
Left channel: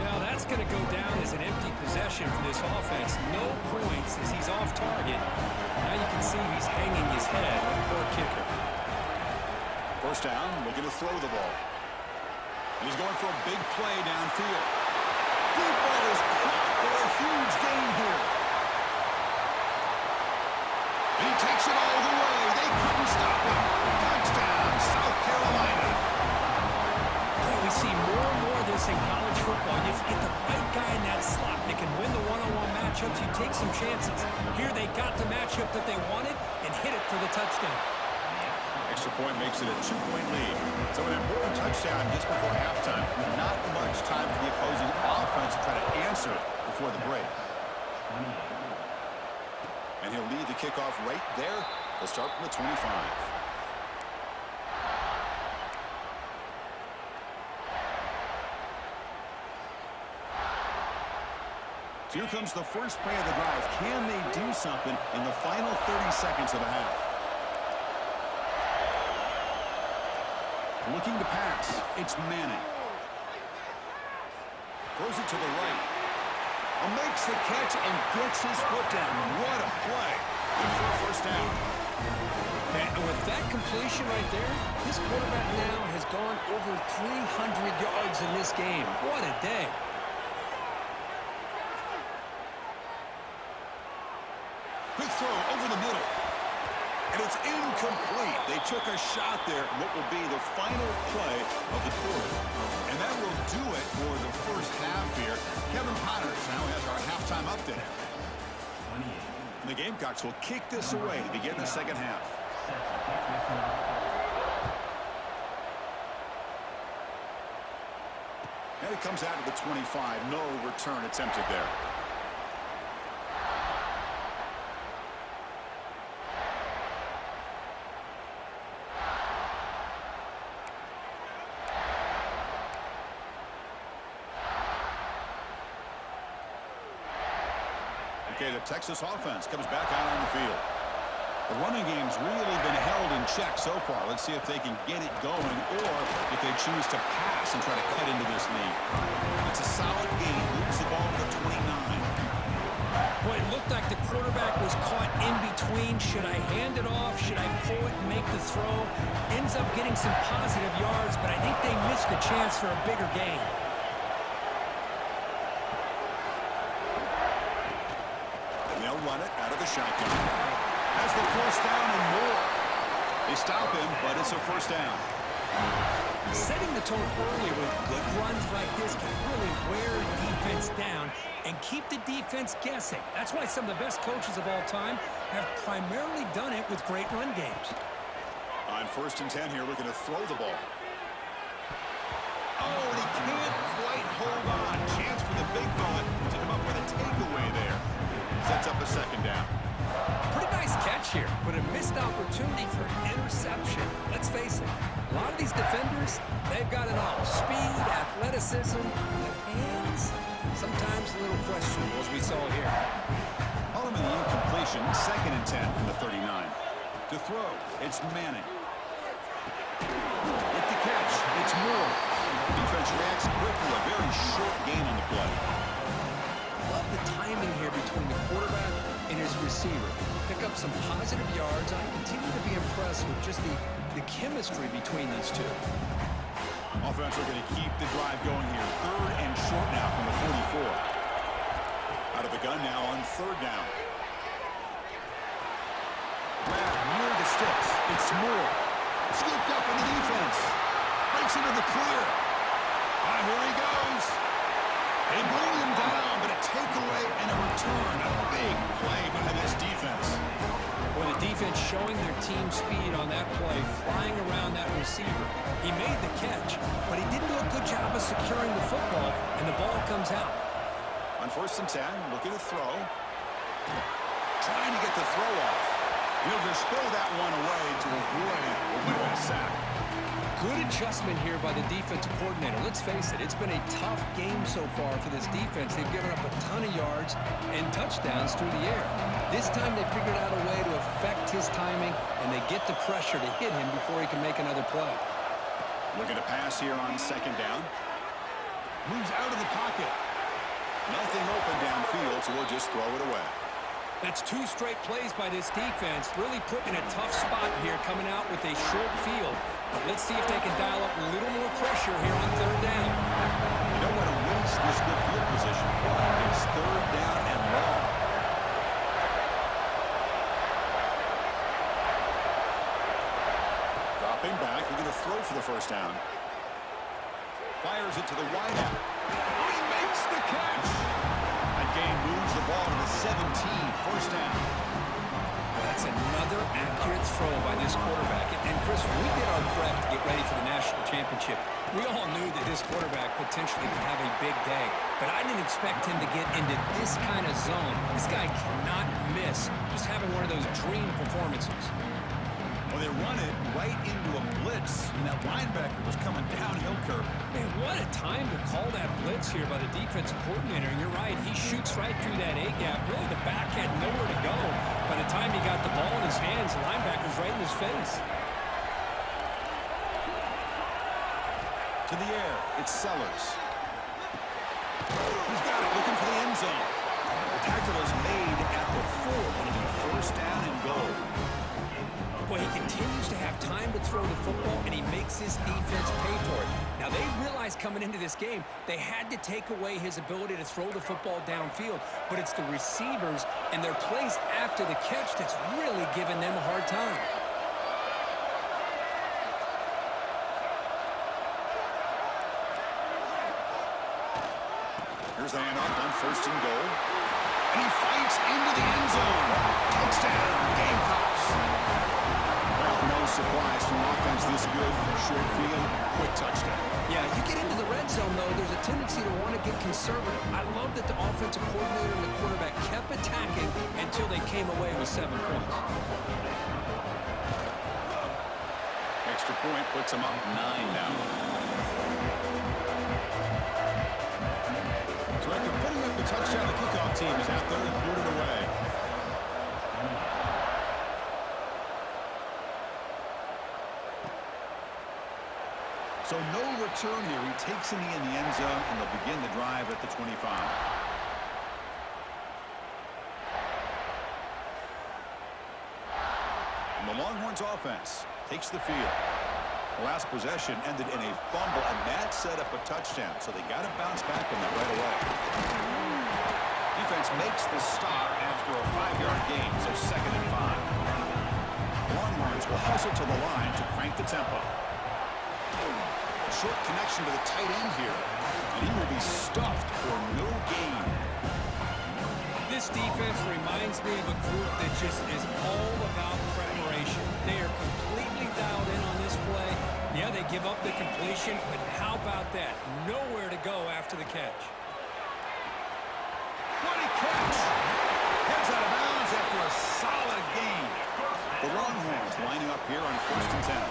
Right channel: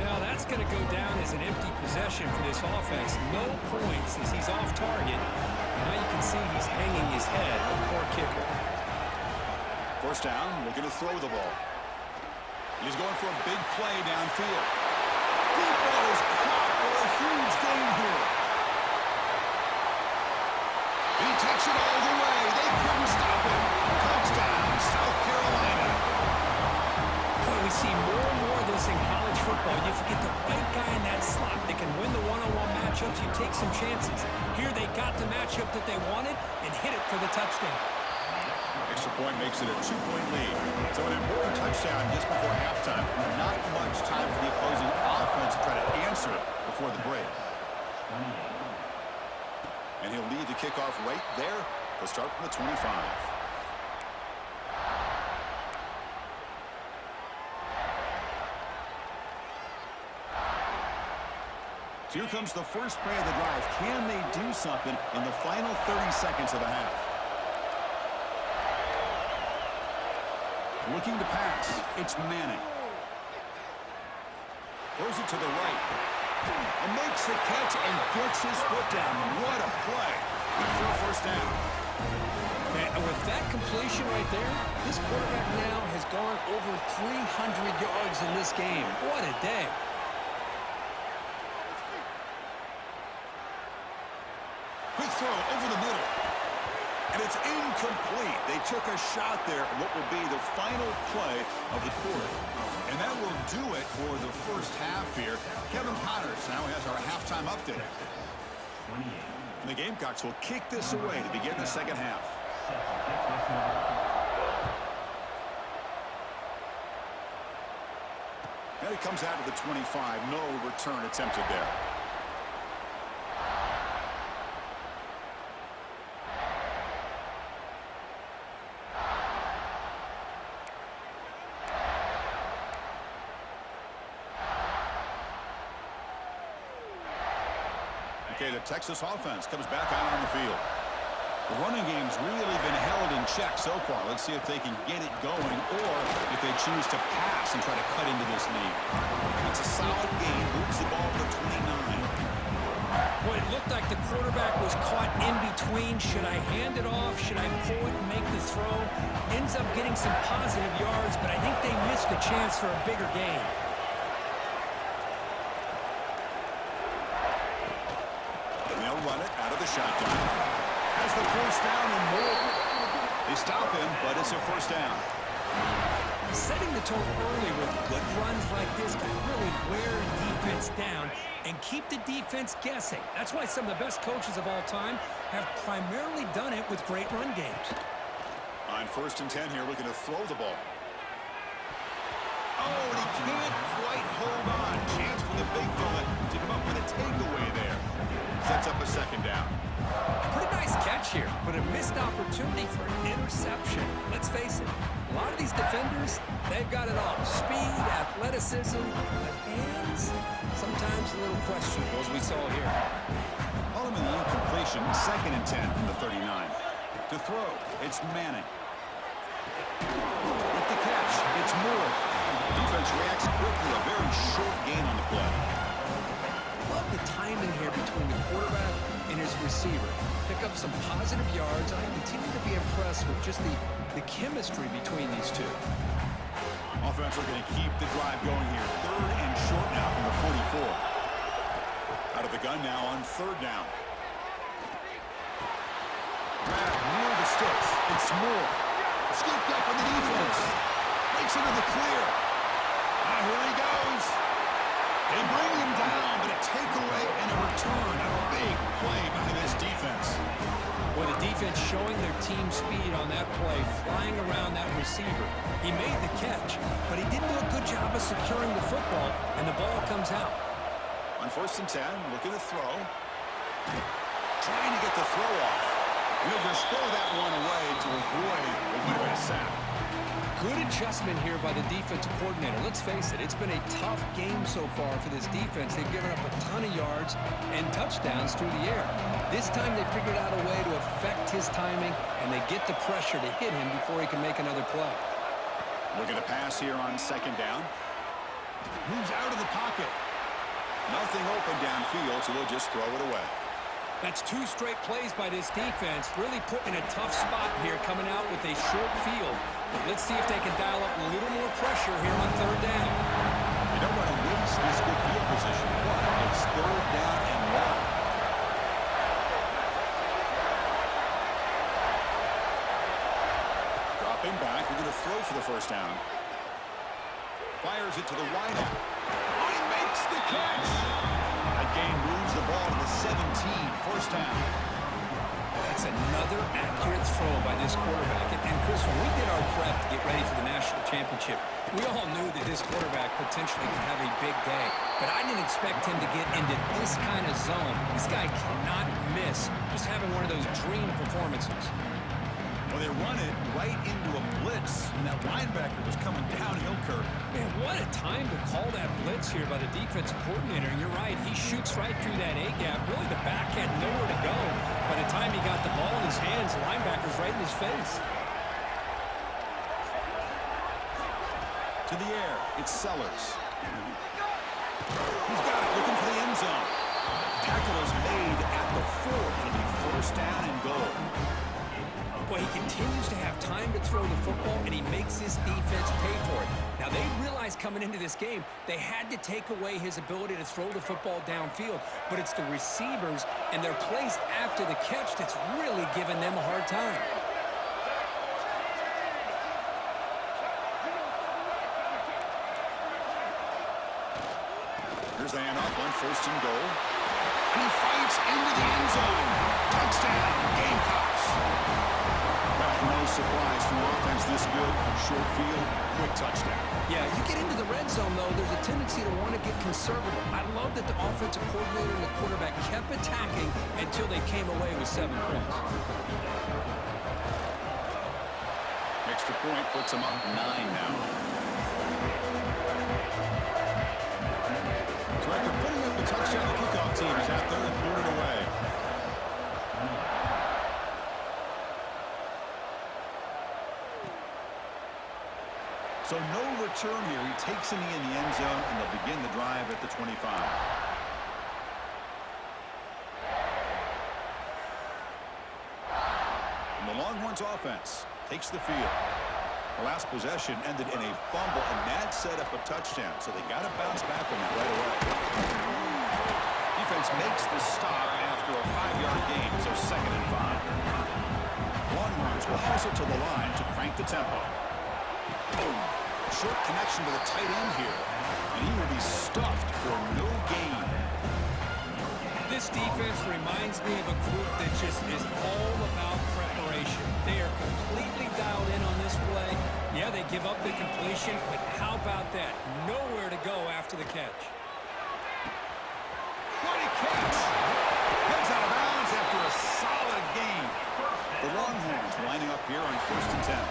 Now that's going to go down as an empty possession for this offense. No points as he's off target. Now you can see he's hanging his head. The poor kicker. First down, looking to throw the ball. He's going for a big play downfield. Deep ball is caught for a huge gain here. And he takes it all the way. They couldn't stop him. Touchdown, South Carolina. Boy, we see more and more of this in college football. If you get the right guy in that slot, they can win the one-on-one matchups. You take some chances. Here they got the matchup that they wanted and hit it for the touchdown. Extra point makes it a 2-point lead. So an important touchdown just before halftime. Not much time for the opposing offense to try to answer before the break. And he'll lead the kickoff right there. They'll start from the 25. So here comes the first play of the drive. Can they do something in the final 30 seconds of the half? Looking to pass. It's Manning. Throws it to the right. Makes the catch and gets his foot down. What a play. Good for a first down. And with that completion right there, this quarterback now has gone over 300 yards in this game. What a day. Quick throw over the middle. And it's incomplete. They took a shot there at what will be the final play of the quarter. And that will do it for the first half here. Kevin Potters now has our halftime update. And the Gamecocks will kick this away to begin the second half. And it comes out to the 25. No return attempted there. Okay, the Texas offense comes back out on the field. The running game's really been held in check so far. Let's see if they can get it going or if they choose to pass and try to cut into this lead. It's a solid game. Moves the ball to the 29. Boy, it looked like the quarterback was caught in between. Should I hand it off? Should I pull it and make the throw? Ends up getting some positive yards, but I think they missed a chance for a bigger gain. And they'll run it out of the shotgun. Has the first down and more. They stop him, but it's a first down. Setting the tone early with good runs like this can really wear a defense down and keep the defense guessing. That's why some of the best coaches of all time have primarily done it with great run games. On 1st and 10 here, looking to throw the ball. Oh, and he can't quite hold on. Chance for the big fella to come up with a takeaway there. Sets up a second down. Pretty nice catch here, but a missed opportunity for an interception. Let's face it, a lot of these defenders, they've got it all. Speed, athleticism, but hands, sometimes a little questionable, as we saw here. Following the incompletion, 2nd and 10 from the 39. To throw, it's Manning. With the catch, it's Moore. Defense reacts quickly, a very short gain on the play. Love the timing here between the quarterback and his receiver. Pick up some positive yards. I continue to be impressed with just the chemistry between these two. Offense are going to keep the drive going here. 3rd and short now from the 44. Out of the gun now on 3rd down. Grab near the sticks. It's Moore. Scooped up in the defense. Breaks into the clear. Now here he goes. They bring him down, but a takeaway and a return. A big play by this defense. Well, the defense showing their team speed on that play, flying around that receiver. He made the catch, but he didn't do a good job of securing the football, and the ball comes out. On 1st and 10, looking to throw. Trying to get the throw off. He'll just throw that one away to avoid what would have been a sack. Good adjustment here by the defensive coordinator. Let's face it, it's been a tough game so far for this defense. They've given up a ton of yards and touchdowns through the air. This time they figured out a way to affect his timing, and they get the pressure to hit him before he can make another play. Looking to pass here on 2nd down. Moves out of the pocket. Nothing open downfield, so we'll just throw it away. That's 2 straight plays by this defense, really put in a tough spot here coming out with a short field. But let's see if they can dial up a little more pressure here on 3rd down. You don't want to waste this good field position, but it's 3rd down and long. Dropping back, we're going to throw for the first down. Fires it to the wideout. Oh, he makes the catch! That gain moves the ball to the 17, 1st down. Well, that's another accurate throw by this quarterback. And Chris, when we did our prep to get ready for the national championship, we all knew that this quarterback potentially could have a big day. But I didn't expect him to get into this kind of zone. This guy cannot miss, just having one of those dream performances. Well, they run it right into a blitz, and that linebacker was coming downhill curve. Man, what a time to call that blitz here by the defensive coordinator. And you're right, he shoots right through that A-gap. Really, the back had nowhere to go. By the time he got the ball in his hands, the linebacker's right in his face. To the air, it's Sellers. He's got it, looking for the end zone. The tackle is made at the 4. It'll be 1st down and goal. Boy, he continues to have time to throw the football, and he makes his defense pay for it. Now, they realized coming into this game, they had to take away his ability to throw the football downfield, but it's the receivers and their plays after the catch that's really giving them a hard time. Here's the handoff on 1st and goal. And he fights into the end zone. Touchdown, Gamecocks. Well, no surprise from offense this good. Short field, quick touchdown. Yeah, you get into the red zone, though, there's a tendency to want to get conservative. I love that the offensive coordinator and the quarterback kept attacking until they came away with 7 points. Extra point puts them up 9 now. So after putting up the touchdown, the kickoff team is out there and booted away. So no return here. He takes a knee in the end zone, and they'll begin the drive at the 25. And the Longhorns offense takes the field. The last possession ended in a fumble, and that set up a touchdown, so they got to bounce back from that right away. Defense makes the stop after a 5-yard gain, so 2nd and 5. Longhorns will hustle to the line to crank the tempo. Short connection to the tight end here, and he will be stuffed for no gain. This defense reminds me of a group that just is all about preparation. They are completely dialed in on this play. Yeah, they give up the completion, but how about that? Nowhere to go after the catch. What a catch! Heads out of bounds after a solid gain. The Longhorns lining up here on 1st and 10.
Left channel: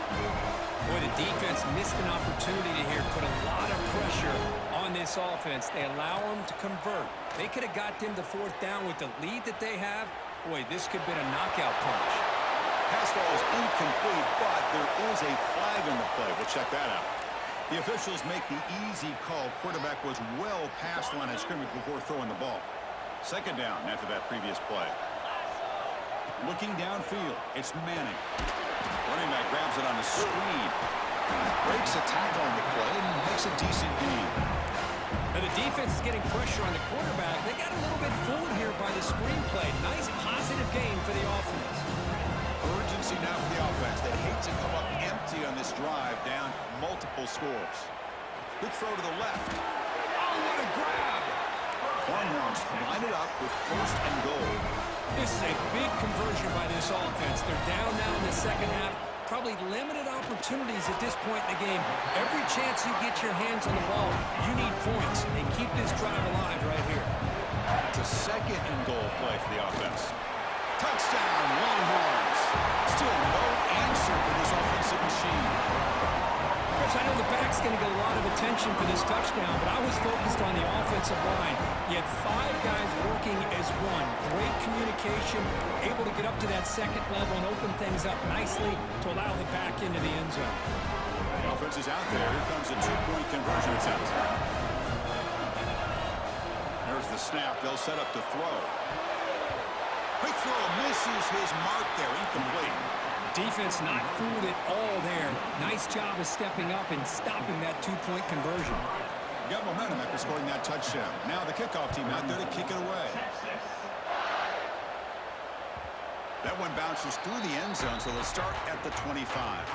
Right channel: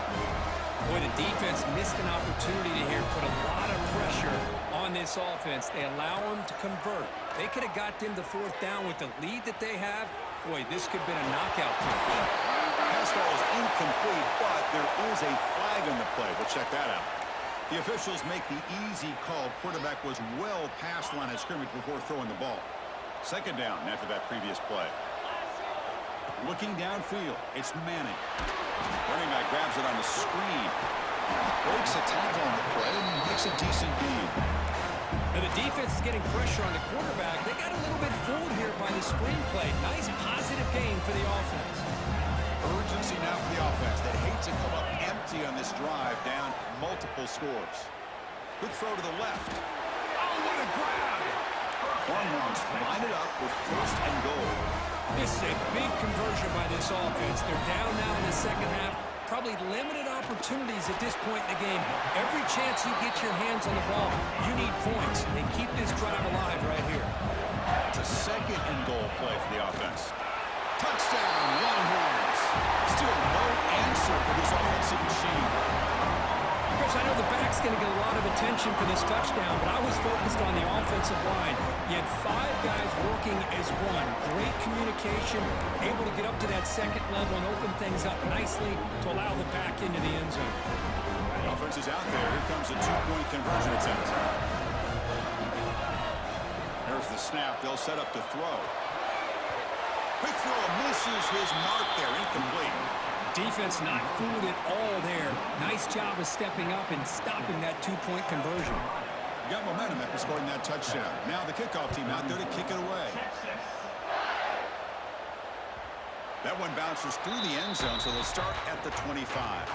Boy, the defense missed an opportunity to here put a lot of pressure on this offense. They allow them to convert. They could have got them to 4th down with the lead that they have. Boy, this could have been a knockout punch. Pass ball is incomplete, but there is a flag on the play. We'll check that out. The officials make the easy call. Quarterback was well past the line of scrimmage before throwing the ball. 2nd down after that previous play. Looking downfield, it's Manning. Running back grabs it on the screen. Breaks a tackle on the play and makes a decent gain. Now the defense is getting pressure on the quarterback. They got a little bit fooled here by the screen play. Nice positive gain for the offense. Urgency now for the offense. They hate to come up empty on this drive, down multiple scores. Good throw to the left. Oh, what a grab! Longhorns line it up with 1st and goal. This is a big conversion by this offense. They're down now in the 2nd half. Probably limited opportunities at this point in the game. Every chance you get your hands on the ball, you need points. They keep this drive alive right here. It's a 2nd and goal play for the offense. Touchdown, Longhorns. Still no answer for this offensive machine. Chris, I know the back's going to get a lot of attention for this touchdown, but I was focused on the offensive line. You had 5 guys working as one. Great communication, able to get up to that 2nd level and open things up nicely to allow the back into the end zone. The offense is out there. Here comes a 2-point conversion attempt. There's the snap. They'll set up to throw. Quick throw misses his mark there. Incomplete. Defense not fooled at all there. Nice job of stepping up and stopping that 2-point conversion. Got momentum after scoring that touchdown. Now the kickoff team out there to kick it away. That one bounces through the end zone, so they'll start at the 25.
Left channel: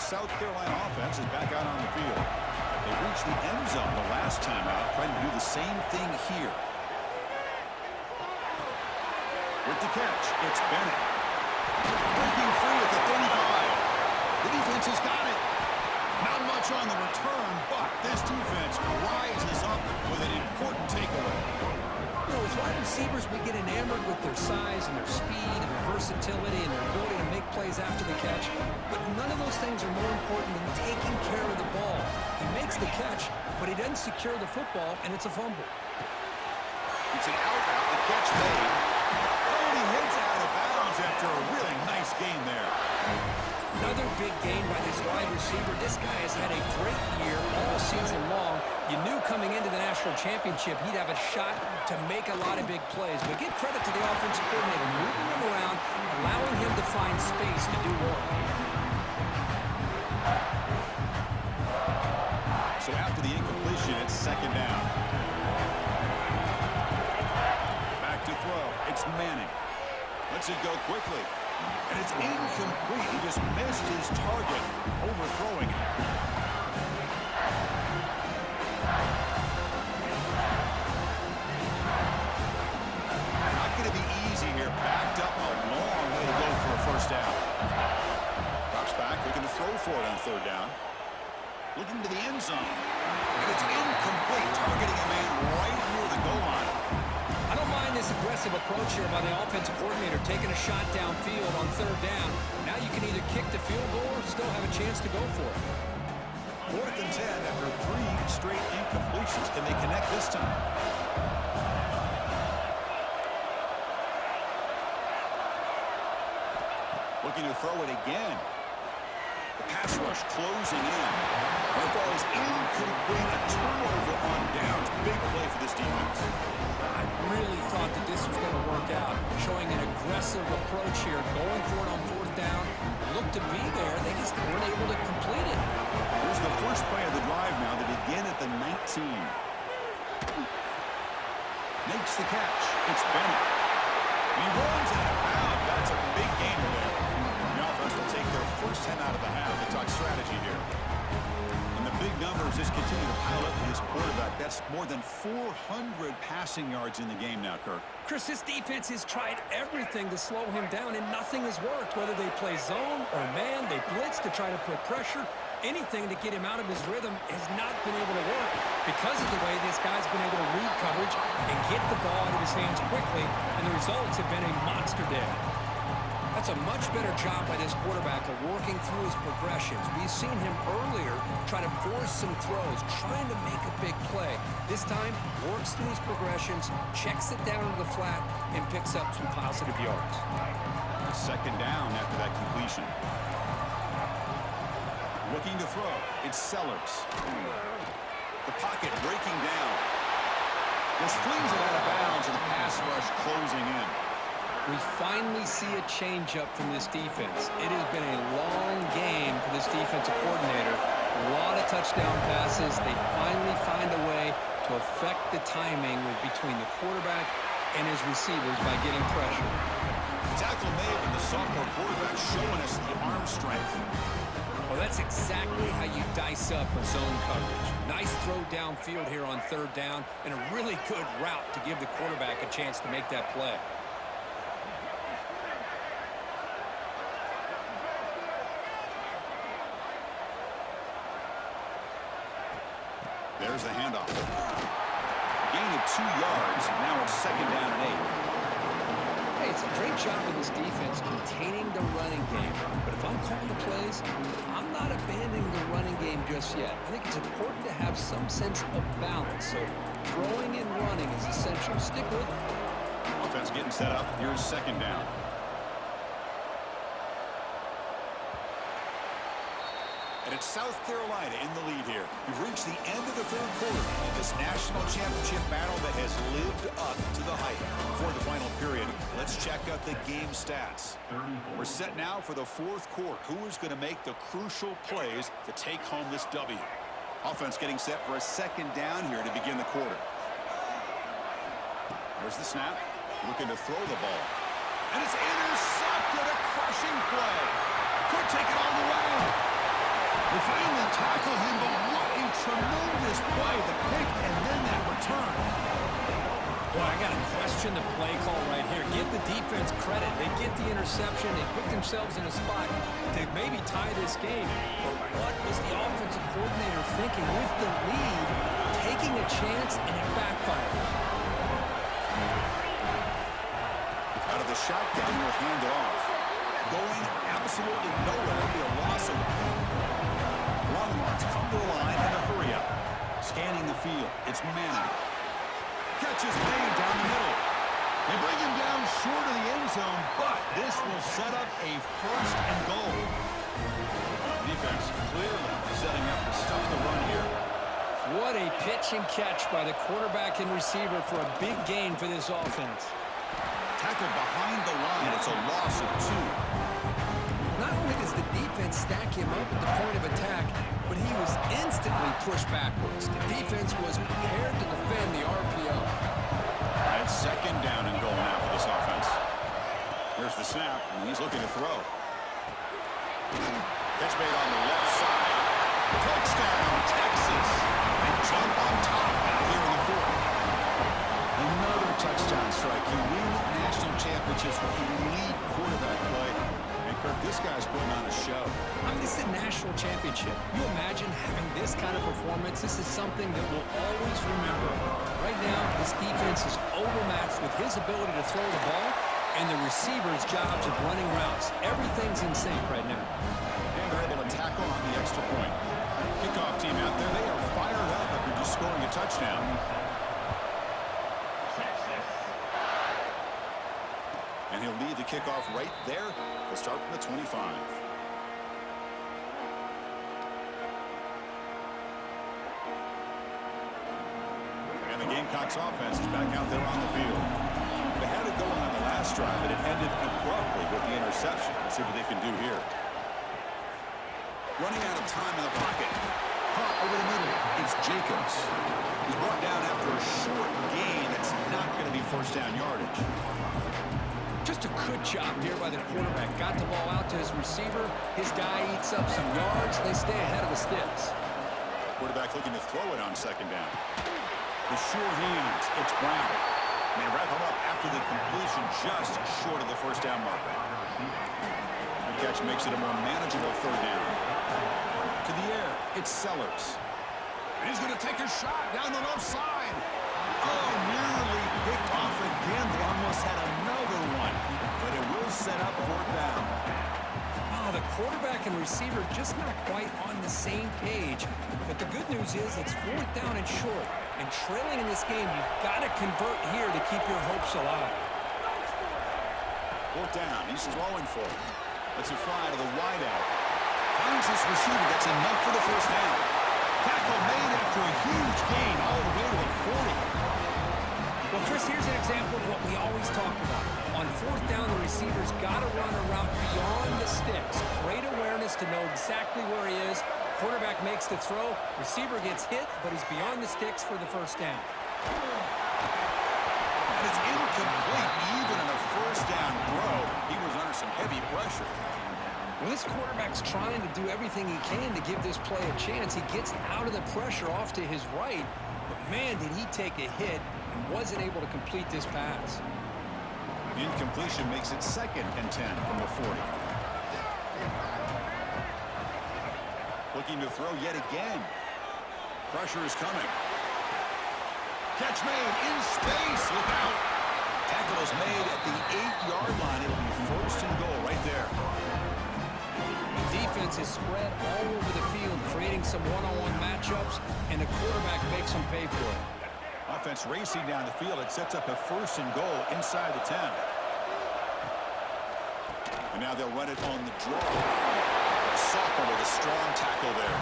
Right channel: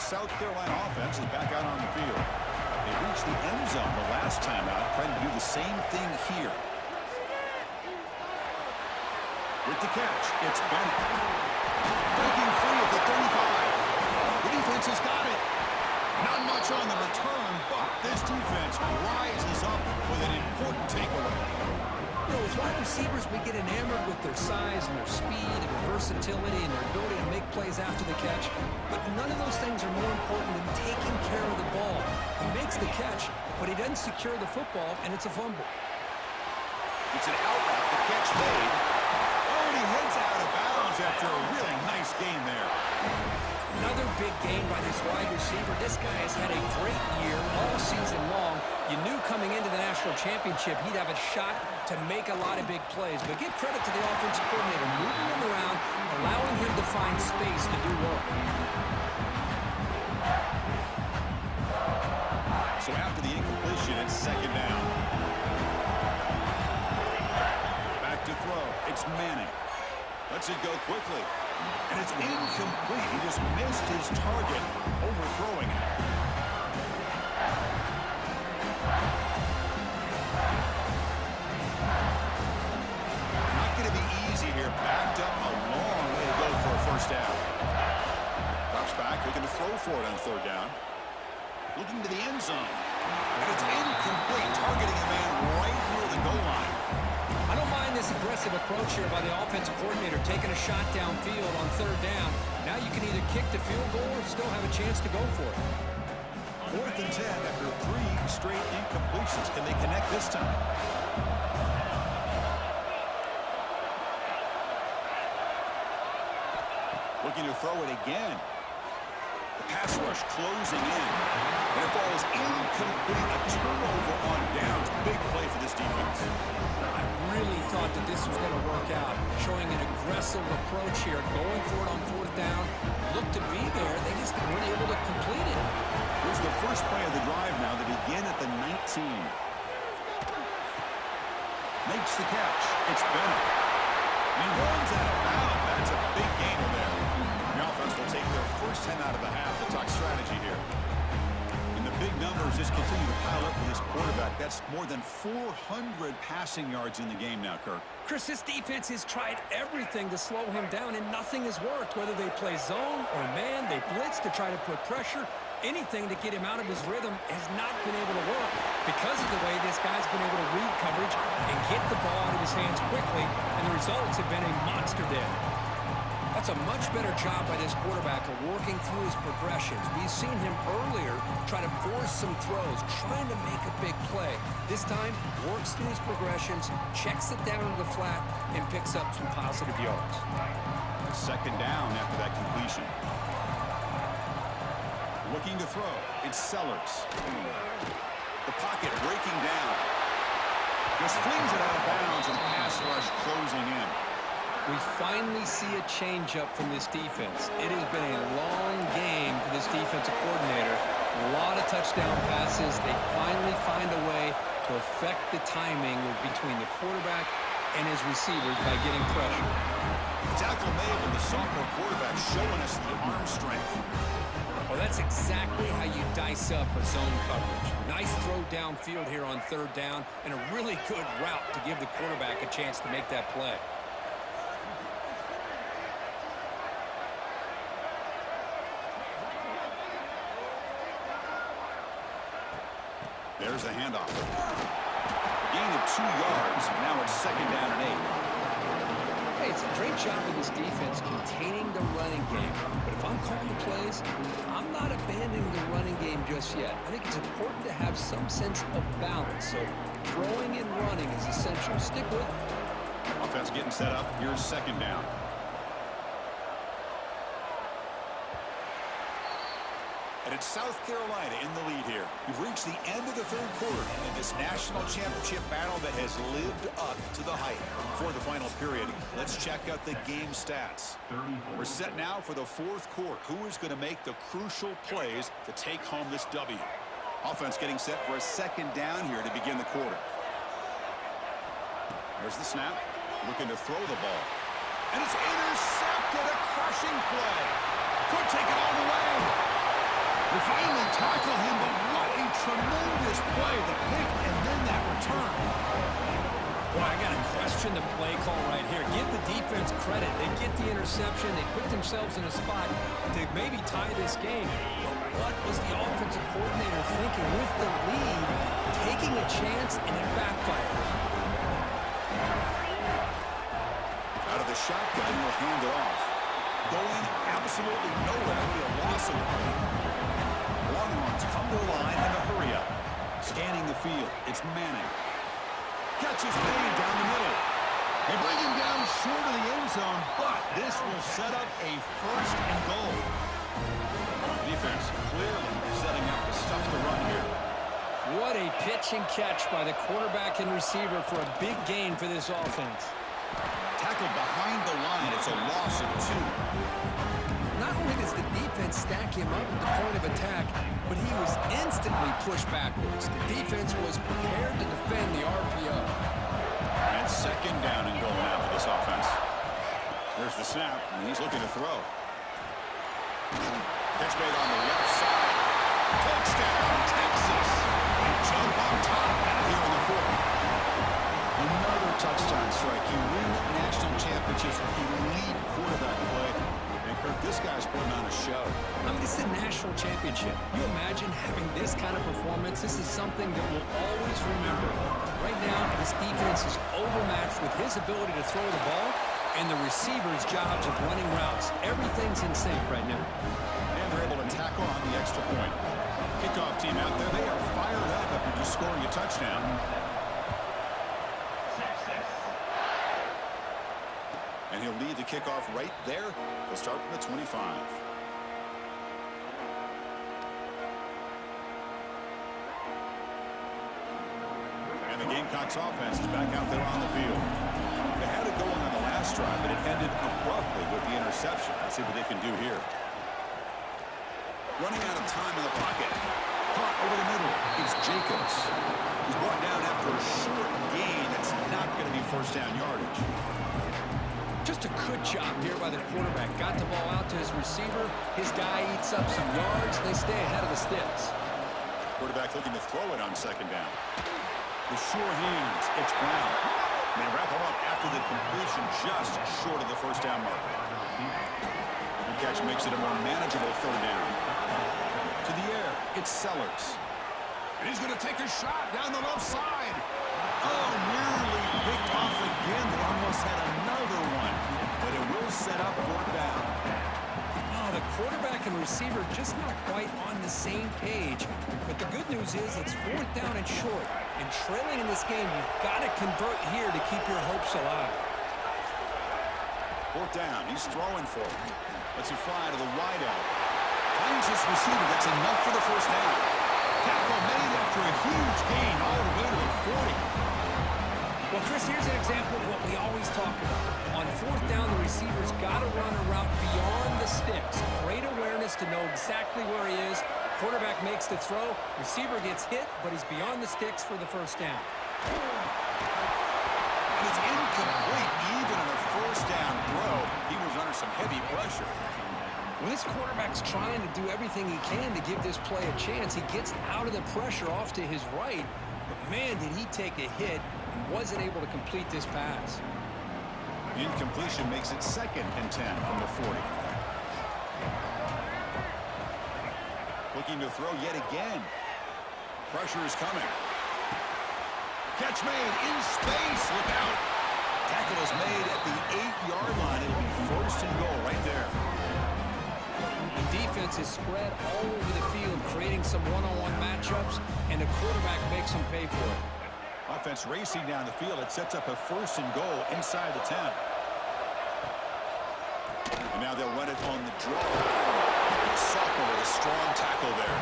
South Carolina offense is back out on the field. They reached the end zone the last time out, trying to do the same thing here. With the catch, it's Bennett. Breaking free at the 35. The defense has got it. Not much on the return, but this defense rises up with an important takeaway. You know, with wide receivers, we get enamored with their size and their speed and their versatility and their ability to make plays after the catch. But none of those things are more important than taking care of the ball. He makes the catch, but he doesn't secure the football, and it's a fumble. It's an out route. The catch made. Oh, and he heads out of bounds after a really nice gain there. Another big gain by this wide receiver. This guy has had a great year all season long. You knew coming into the national championship he'd have a shot to make a lot of big plays. But give credit to the offensive coordinator, moving him around, allowing him to find space to do work. So after the incompletion, it's 2nd down. Back to throw. It's Manning. Lets it go quickly. And it's incomplete. He just missed his target, overthrowing it. Not going to be easy here. Backed up a long way to go for a 1st down. Drops back, looking to throw for it on 3rd down. Looking to the end zone. And it's incomplete, targeting a man right near the goal line. I don't mind this aggressive approach here by the offensive coordinator, taking a shot downfield on 3rd down. Now you can either kick the field goal or still have a chance to go for it. 4th and 10 after 3 straight incompletions. Can they connect this time? Looking to throw it again. The pass rush closing in. And it falls incomplete. A turnover on downs. Big play for this defense. I really thought that this was going to work out, showing an aggressive approach here, going for it on fourth down. Looked to be there. They just weren't able to complete it. Here's the first play of the drive now. They begin at the 19. Makes the catch. It's Bennett. And he runs out of bounds. That's a big gainer there. The offense will take their first 10 out of the half. They talk strategy here. And the big numbers just continue to pile up for this quarterback. That's more than 400 passing yards in the game now, Kirk. Chris, this defense has tried everything to slow him down, and nothing has worked. Whether they play zone or man, they blitz to try to put pressure. Anything to get him out of his rhythm has not been able to work because of the way this guy's been able to read coverage and get the ball out of his hands quickly, and the results have been a monster day. That's a much better job by this quarterback of working through his progressions. We've seen him earlier try to force some throws, trying to make a big play. This time, works through his progressions, checks it down to the flat, and picks up some positive yards. Second down after that completion. Looking to throw. It's Sellers. The pocket breaking down. Just flings it out of bounds, and the pass rush closing in. We finally see a change-up from this defense. It has been a long game for this defensive coordinator. A lot of touchdown passes. They finally find a way to affect the timing between the quarterback and his receivers by getting pressure. The tackle may have been the sophomore quarterback showing us the arm strength. Well, that's exactly how you dice up a zone coverage. Nice throw downfield here on third down, and a really good route to give the quarterback a chance to make that play. There's the handoff. A gain of 2 yards. Now it's second down and 8. Hey, it's a great job of this defense containing the running game. But if I'm calling the plays, I'm not abandoning the running game just yet. I think it's important to have some sense of balance. So throwing and running is essential. Stick with it. Offense getting set up. Here's second down. And it's South Carolina in the lead here. We've reached the end of the third quarter in this national championship battle that has lived up to the hype. For the final period, let's check out the game stats. We're set now for the fourth quarter. Who is going to make the crucial plays to take home this W? Offense getting set for a second down here to begin the quarter. There's the snap. Looking to throw the ball. And it's intercepted. A crushing play. Could take it all the way. We finally tackle him, but what a tremendous play. The pick and then that return. Boy, I got to question the play call right here. Give the defense credit. They get the interception. They put themselves in a spot to maybe tie this game. But what was the offensive coordinator thinking with the lead, taking a chance, and it backfires? Out of the shotgun, will hand it off. Going absolutely nowhere. It'll be a loss of the play. Longhorns come to the line in a hurry up. Scanning the field. It's Manning. Catch is made down the middle. They bring him down short of the end zone, but this will set up a first and goal. Defense clearly setting up to stuff the run here. What a pitch and catch by the quarterback and receiver for a big gain for this offense. Tackled behind the line. It's a loss of 2. Not only does the defense stack him up at the point of attack, but he was instantly pushed backwards. The defense was prepared to defend the RPO. And second down and goal now for this offense. Here's the snap, and he's looking to throw. Catch made on the left side. Touchdown, Texas. They jump on top now here in the fourth. Another touchdown strike. You win national championships with elite quarterback play. And Kirk, this guy's putting on a show. I mean, this is a national championship. You imagine having this kind of performance? This is something that we'll always remember. Right now, this defense is overmatched with his ability to throw the ball and the receivers' jobs of running routes. Everything's in sync right now. And they're able to tack on the extra point. Kickoff team out there, they are fired up after just scoring a touchdown. And he'll lead the kickoff right there. They'll start from the 25. Gamecocks offense is back out there on the field. They had it going on the last drive, but it ended abruptly with the interception. Let's see what they can do here. Running out of time in the pocket. Caught over the middle. It's Jacobs. He's brought down after a short gain. That's not going to be first down yardage. Just a good job here by the quarterback. Got the ball out to his receiver. His guy eats up some yards. They stay ahead of the sticks. Quarterback looking to throw it on second down. The sure hands. It's Brown. And they wrap him up after the completion just short of the first down marker. The catch makes it a more manageable third down. To the air, it's Sellers. And he's going to take a shot down the left side. Oh, nearly picked off again. They almost had another one. But it will set up fourth down. Oh, the quarterback and receiver just not quite on the same page. But the good news is it's fourth down and short. And trailing in this game, you've got to convert here to keep your hopes alive. Fourth down. He's throwing for it. Lets it fly to the wideout. Finds his receiver. That's enough for the first down. Tackle made after a huge gain all the way to the 40. Well, Chris, here's an example of what we always talk about. On fourth down, the receiver's got to run a route beyond the sticks. Great awareness to know exactly where he is. Quarterback makes the throw. Receiver gets hit, but he's beyond the sticks for the first down. And it's incomplete. Even on a first down throw, he was under some heavy pressure. Well, this quarterback's trying to do everything he can to give this play a chance. He gets out of the pressure off to his right, but man, did he take a hit and wasn't able to complete this pass. The incompletion makes it 2nd and 10 from the 40. Looking to throw yet again. Pressure is coming. Catch made in space. Look out. Tackle is made at the 8-yard line. It'll be first and goal right there. The defense is spread all over the field, creating some one-on-one matchups, and the quarterback makes them pay for it. Offense racing down the field. It sets up a first and goal inside the 10. And now they'll run it on the draw. Sophomore with a strong tackle there.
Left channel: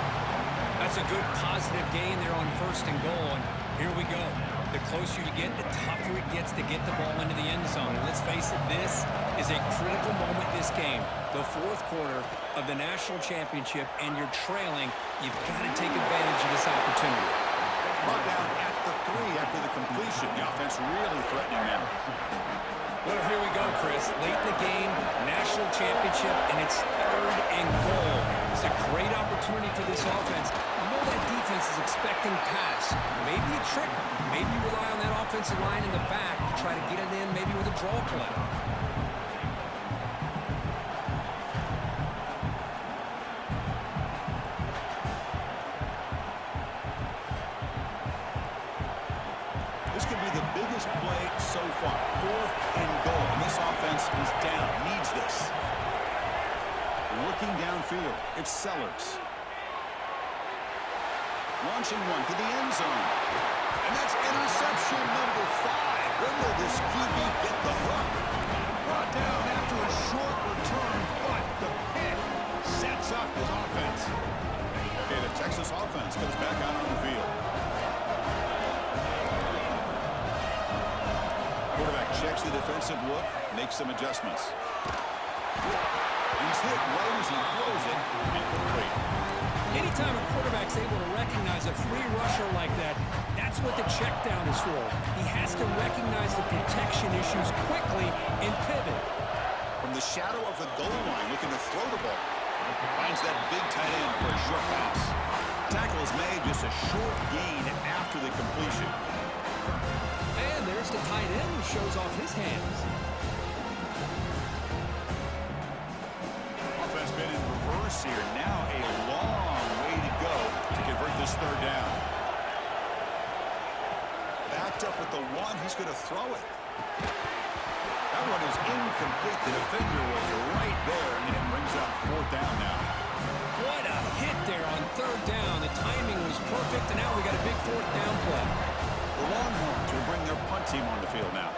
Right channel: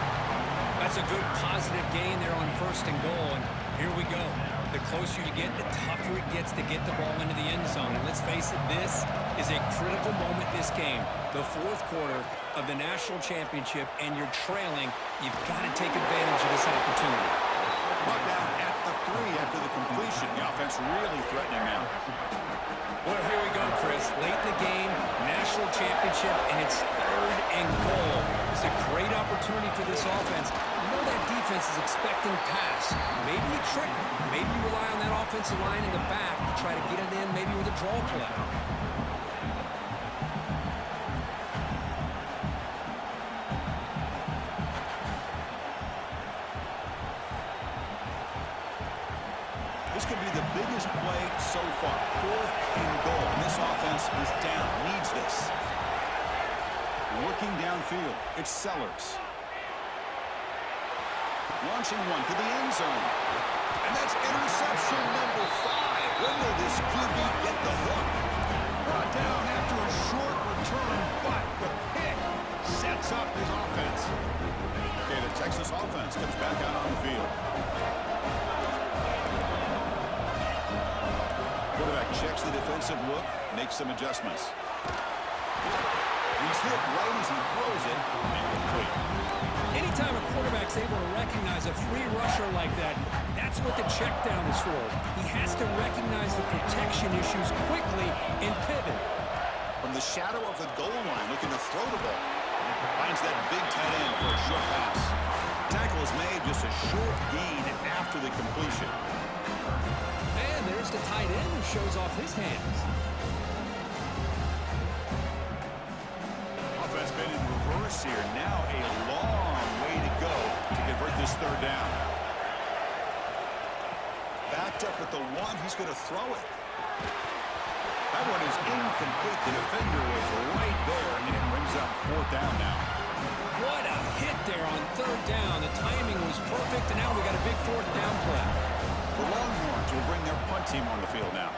That's a good positive gain there on first and goal, and here we go. The closer you get, the tougher it gets to get the ball into the end zone. And let's face it, this is a critical moment in this game. The fourth quarter of the national championship, and you're trailing. You've got to take advantage of this opportunity. Brought down at the 3 after the completion. The offense really threatening now. Well, here we go, Chris. Late in the game, national championship, and it's 3rd and goal. It's a great opportunity for this offense. You know that defense is expecting pass. Maybe you trick them. Maybe you rely on that offensive line in the back to try to get it in, maybe with a draw play. This could be the biggest play so far. 4th and goal. And this offense is down. Needs this. Looking downfield. It's Sellers. Launching one to the end zone. And that's interception number 5. When will this QB get the hook? Brought down after a short return, but the pick sets up his offense. Okay, the Texas offense comes back out on the field. Quarterback checks the defensive look, makes some adjustments. He's hit right as he throws it, incomplete. Anytime a quarterback's able to recognize a free rusher like that, that's what the check down is for. He has to recognize the protection issues quickly and pivot. From the shadow of the goal line, looking to throw the ball. Finds that big tight end for a short pass. Tackle is made, just a short gain after the completion. And there's the tight end who shows off his hands. Offense been in reverse here. Now a long way to go to convert this 3rd down. Backed up at the 1. He's going to throw it. That one is incomplete. The defender was right there, and it brings up 4th down now. What a hit there on 3rd down. The timing was perfect, and now we got a big 4th down play. The Longhorns will bring their punt team on the field now.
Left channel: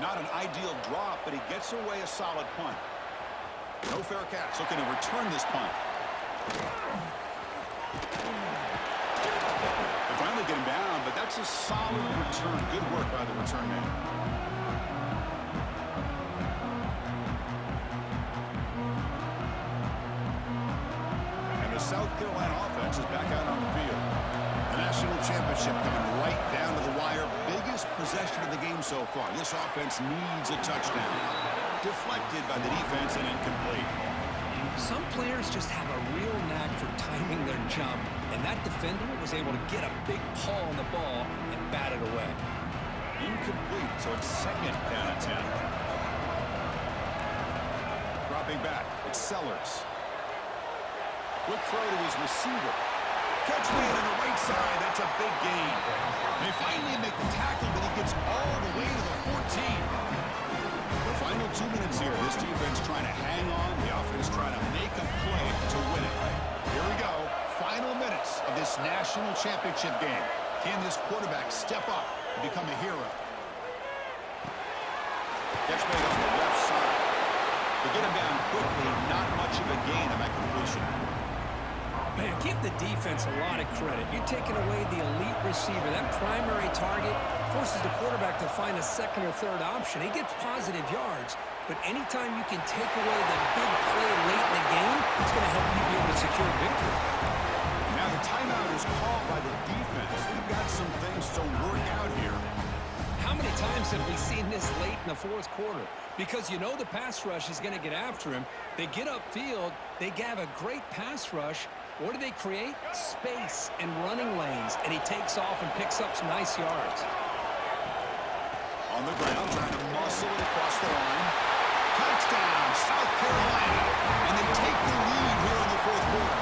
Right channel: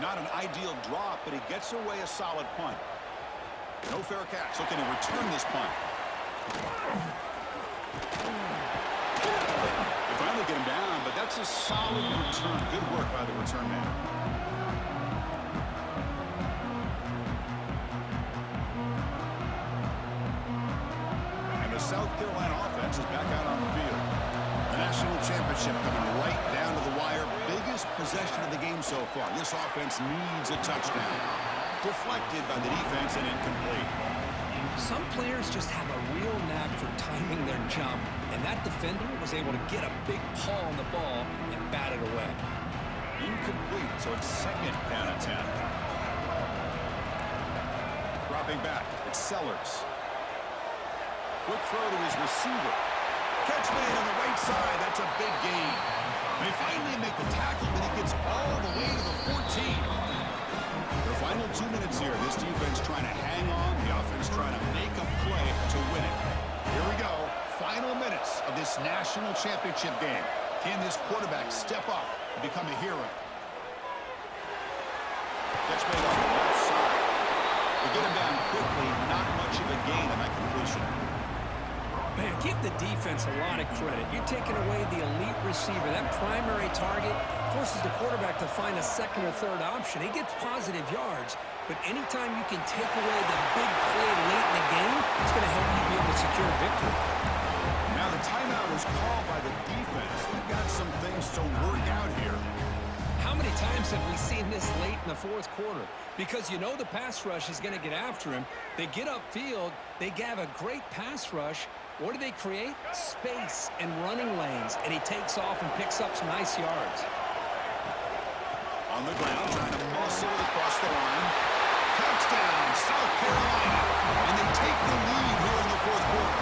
Not an ideal drop, but he gets away a solid punt. No fair catch. Looking to return this punt. They finally get him down, but that's a solid return. Good work by the return man. And the South Carolina offense is back out on the field. The national championship coming right down to the wire. Biggest possession of the game so far. This offense needs a touchdown. Deflected by the defense and incomplete. Some players just have a real knack for timing their jump, and that defender was able to get a big paw on the ball and bat it away. Incomplete, so it's second down and 10. Dropping back, it's Sellers. Quick throw to his receiver. Catch made on the right side, that's a big gain. They finally make the tackle, but he gets all the way to the 14. The final 2 minutes here. This defense trying to hang on. The offense trying to make a play to win it. Here we go. Final minutes of this national championship game. Can this quarterback step up and become a hero? Catch made on the left side. To get him down quickly, not much of a gain on that completion. Man, give the defense a lot of credit. You're taking away the elite receiver. That primary target forces the quarterback to find a second or third option. He gets positive yards, but anytime you can take away the big play late in the game, it's going to help you be able to secure victory. Now the timeout is called by the defense. They've got some things to work out here. How many times have we seen this late in the fourth quarter? Because you know the pass rush is going to get after him. They get upfield. They have a great pass rush. What do they create? Space and running lanes, and he takes off and picks up some nice yards. On the ground, trying to muscle it across the line. Touchdown, South Carolina. And they take the lead here in the fourth quarter.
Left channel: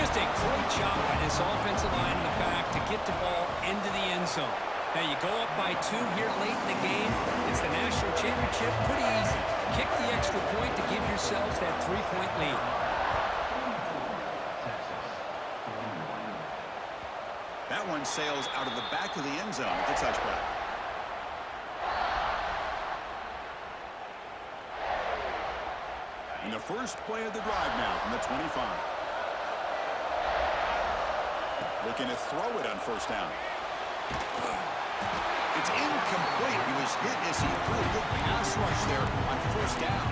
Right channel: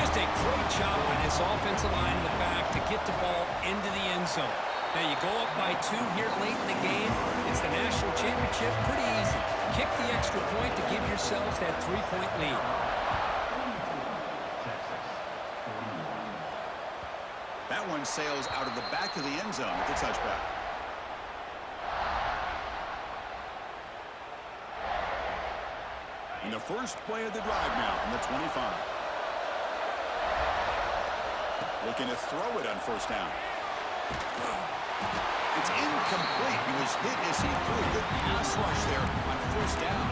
Just a great job by this offensive line in the back to get the ball into the end zone. Now you go up by 2 here late in the game. It's the national championship. Pretty easy. Kick the extra point to give yourselves that 3-point lead. That one sails out of the back of the end zone at the touchback. And the first play of the drive now from the 25. Looking to throw it on first down. It's incomplete. He was hit as he threw a good pass rush there on first down.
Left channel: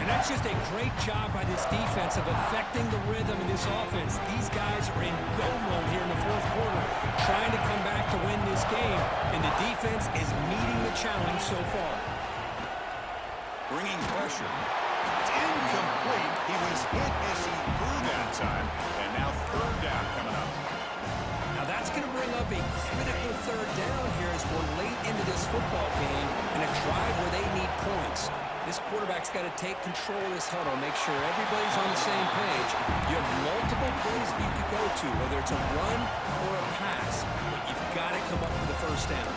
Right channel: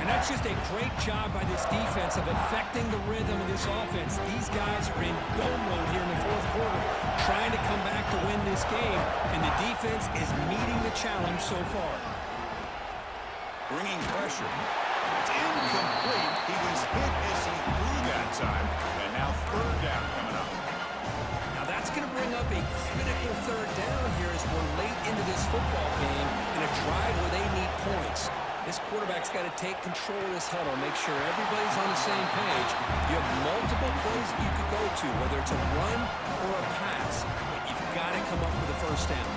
And that's just a great job by this defense of affecting the rhythm of this offense. These guys are in go mode here in the fourth quarter, trying to come back to win this game, and the defense is meeting the challenge so far. Bringing pressure. It's incomplete. He was hit as he threw that time, and now third down coming up. Now that's going to bring up a critical third down here as we're late into this football game in a drive where they need points. This quarterback's got to take control of this huddle, make sure everybody's on the same page. You have multiple plays that you could go to, whether it's a run or a pass, but you've got to come up with a first down.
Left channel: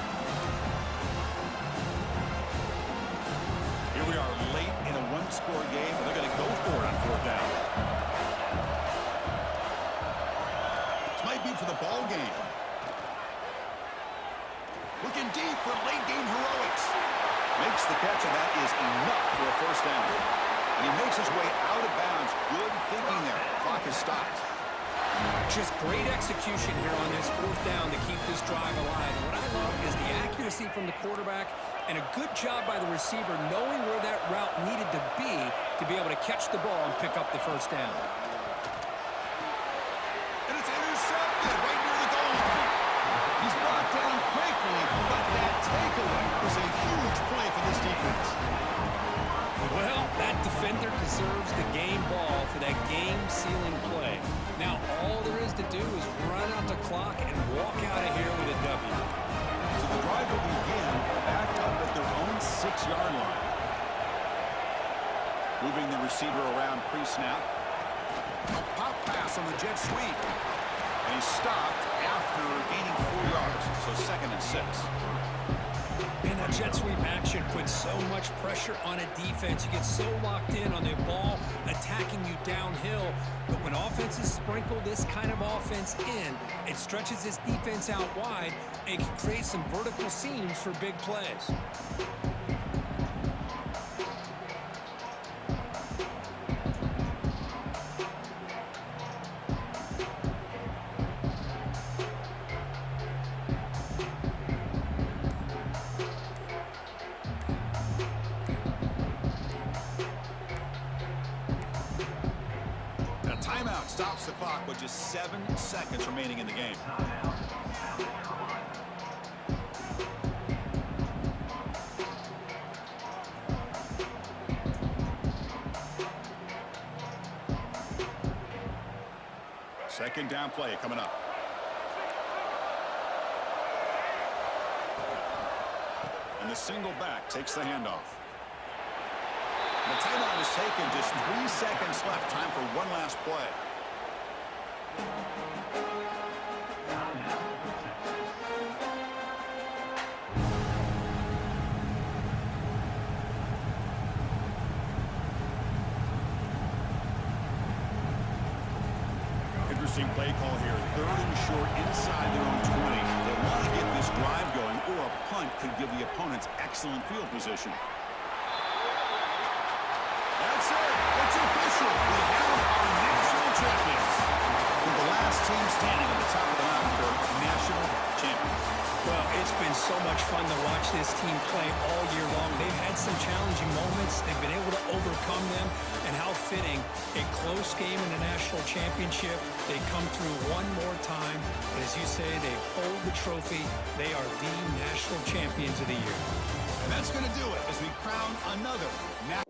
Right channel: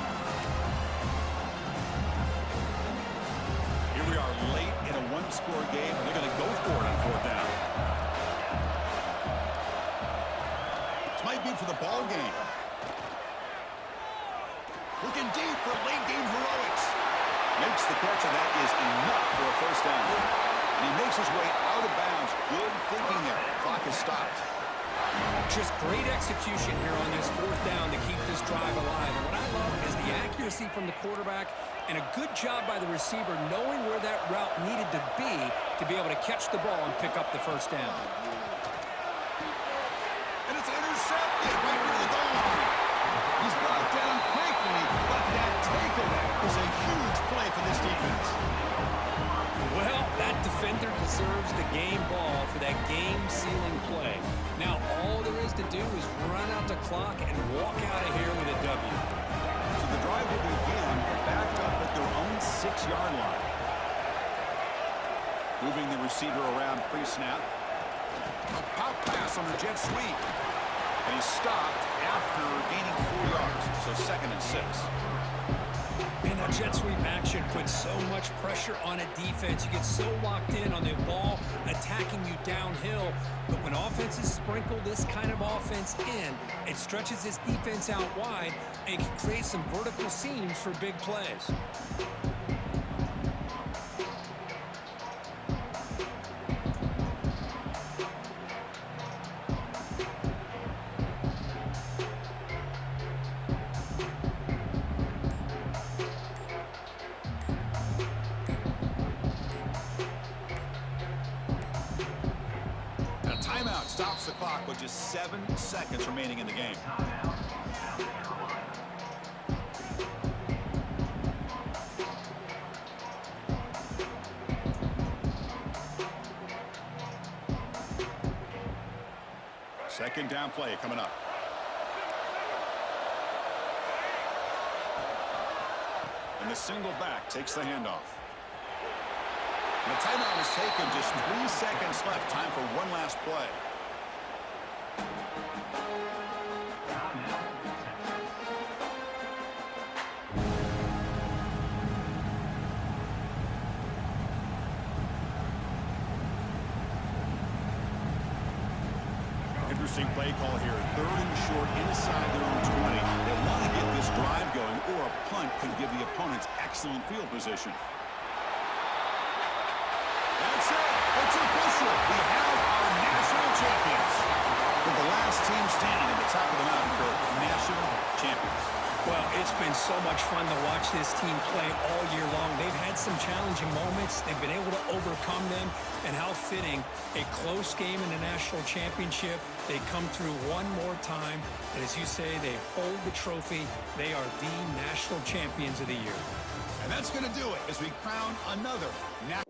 Here we are late in a one-score game, and they're going to go for it on fourth down. This might be for the ball game. Looking deep for late-game heroics. Makes the catch, and that is enough for a first down. And he makes his way out of bounds. Good thinking there. The clock is stopped. Just great execution here on this fourth down to keep this drive alive. And what I love is the accuracy from the quarterback and a good job by the receiver knowing where that route needed to be able to catch the ball and pick up the first down. And it's intercepted right near the goal line. He's brought down quickly, but that takeaway is a huge play for this defense. Well, that defender deserves the game ball for that game-sealing play. Now, all there is to do is run out the clock and walk out of here with a W. So the drive will begin back up at their own 6-yard line. Moving the receiver around pre-snap. A pop pass on the jet sweep. And he's stopped after gaining 4 yards. So second and 6. Man, that jet sweep action puts so much pressure on a defense. You get so locked in on the ball attacking you downhill. But when offenses sprinkle this kind of offense in, it stretches this defense out wide and can create some vertical seams for big plays. the clock with just 7 seconds remaining in the game. Timeout, South Carolina. Second down play coming up. And the single back takes the handoff. And the timeout is taken. Just 3 seconds left. Time for one last play. Timeout, Texas. Interesting play call here. 3rd and short inside their own 20. They want to get this drive going, or a punt could give the opponents excellent field position. That's it. It's official. We have our national champions. We're the last team standing at the top of the mountain, Kirk. National champions. Well, it's been so much fun to watch this team play all year long. They've had some challenging moments. They've been able to overcome them. And how fitting, a close game in the national championship. They come through one more time. And as you say, they hold the trophy. They are the national champions of the year. And that's going to do it as we crown another national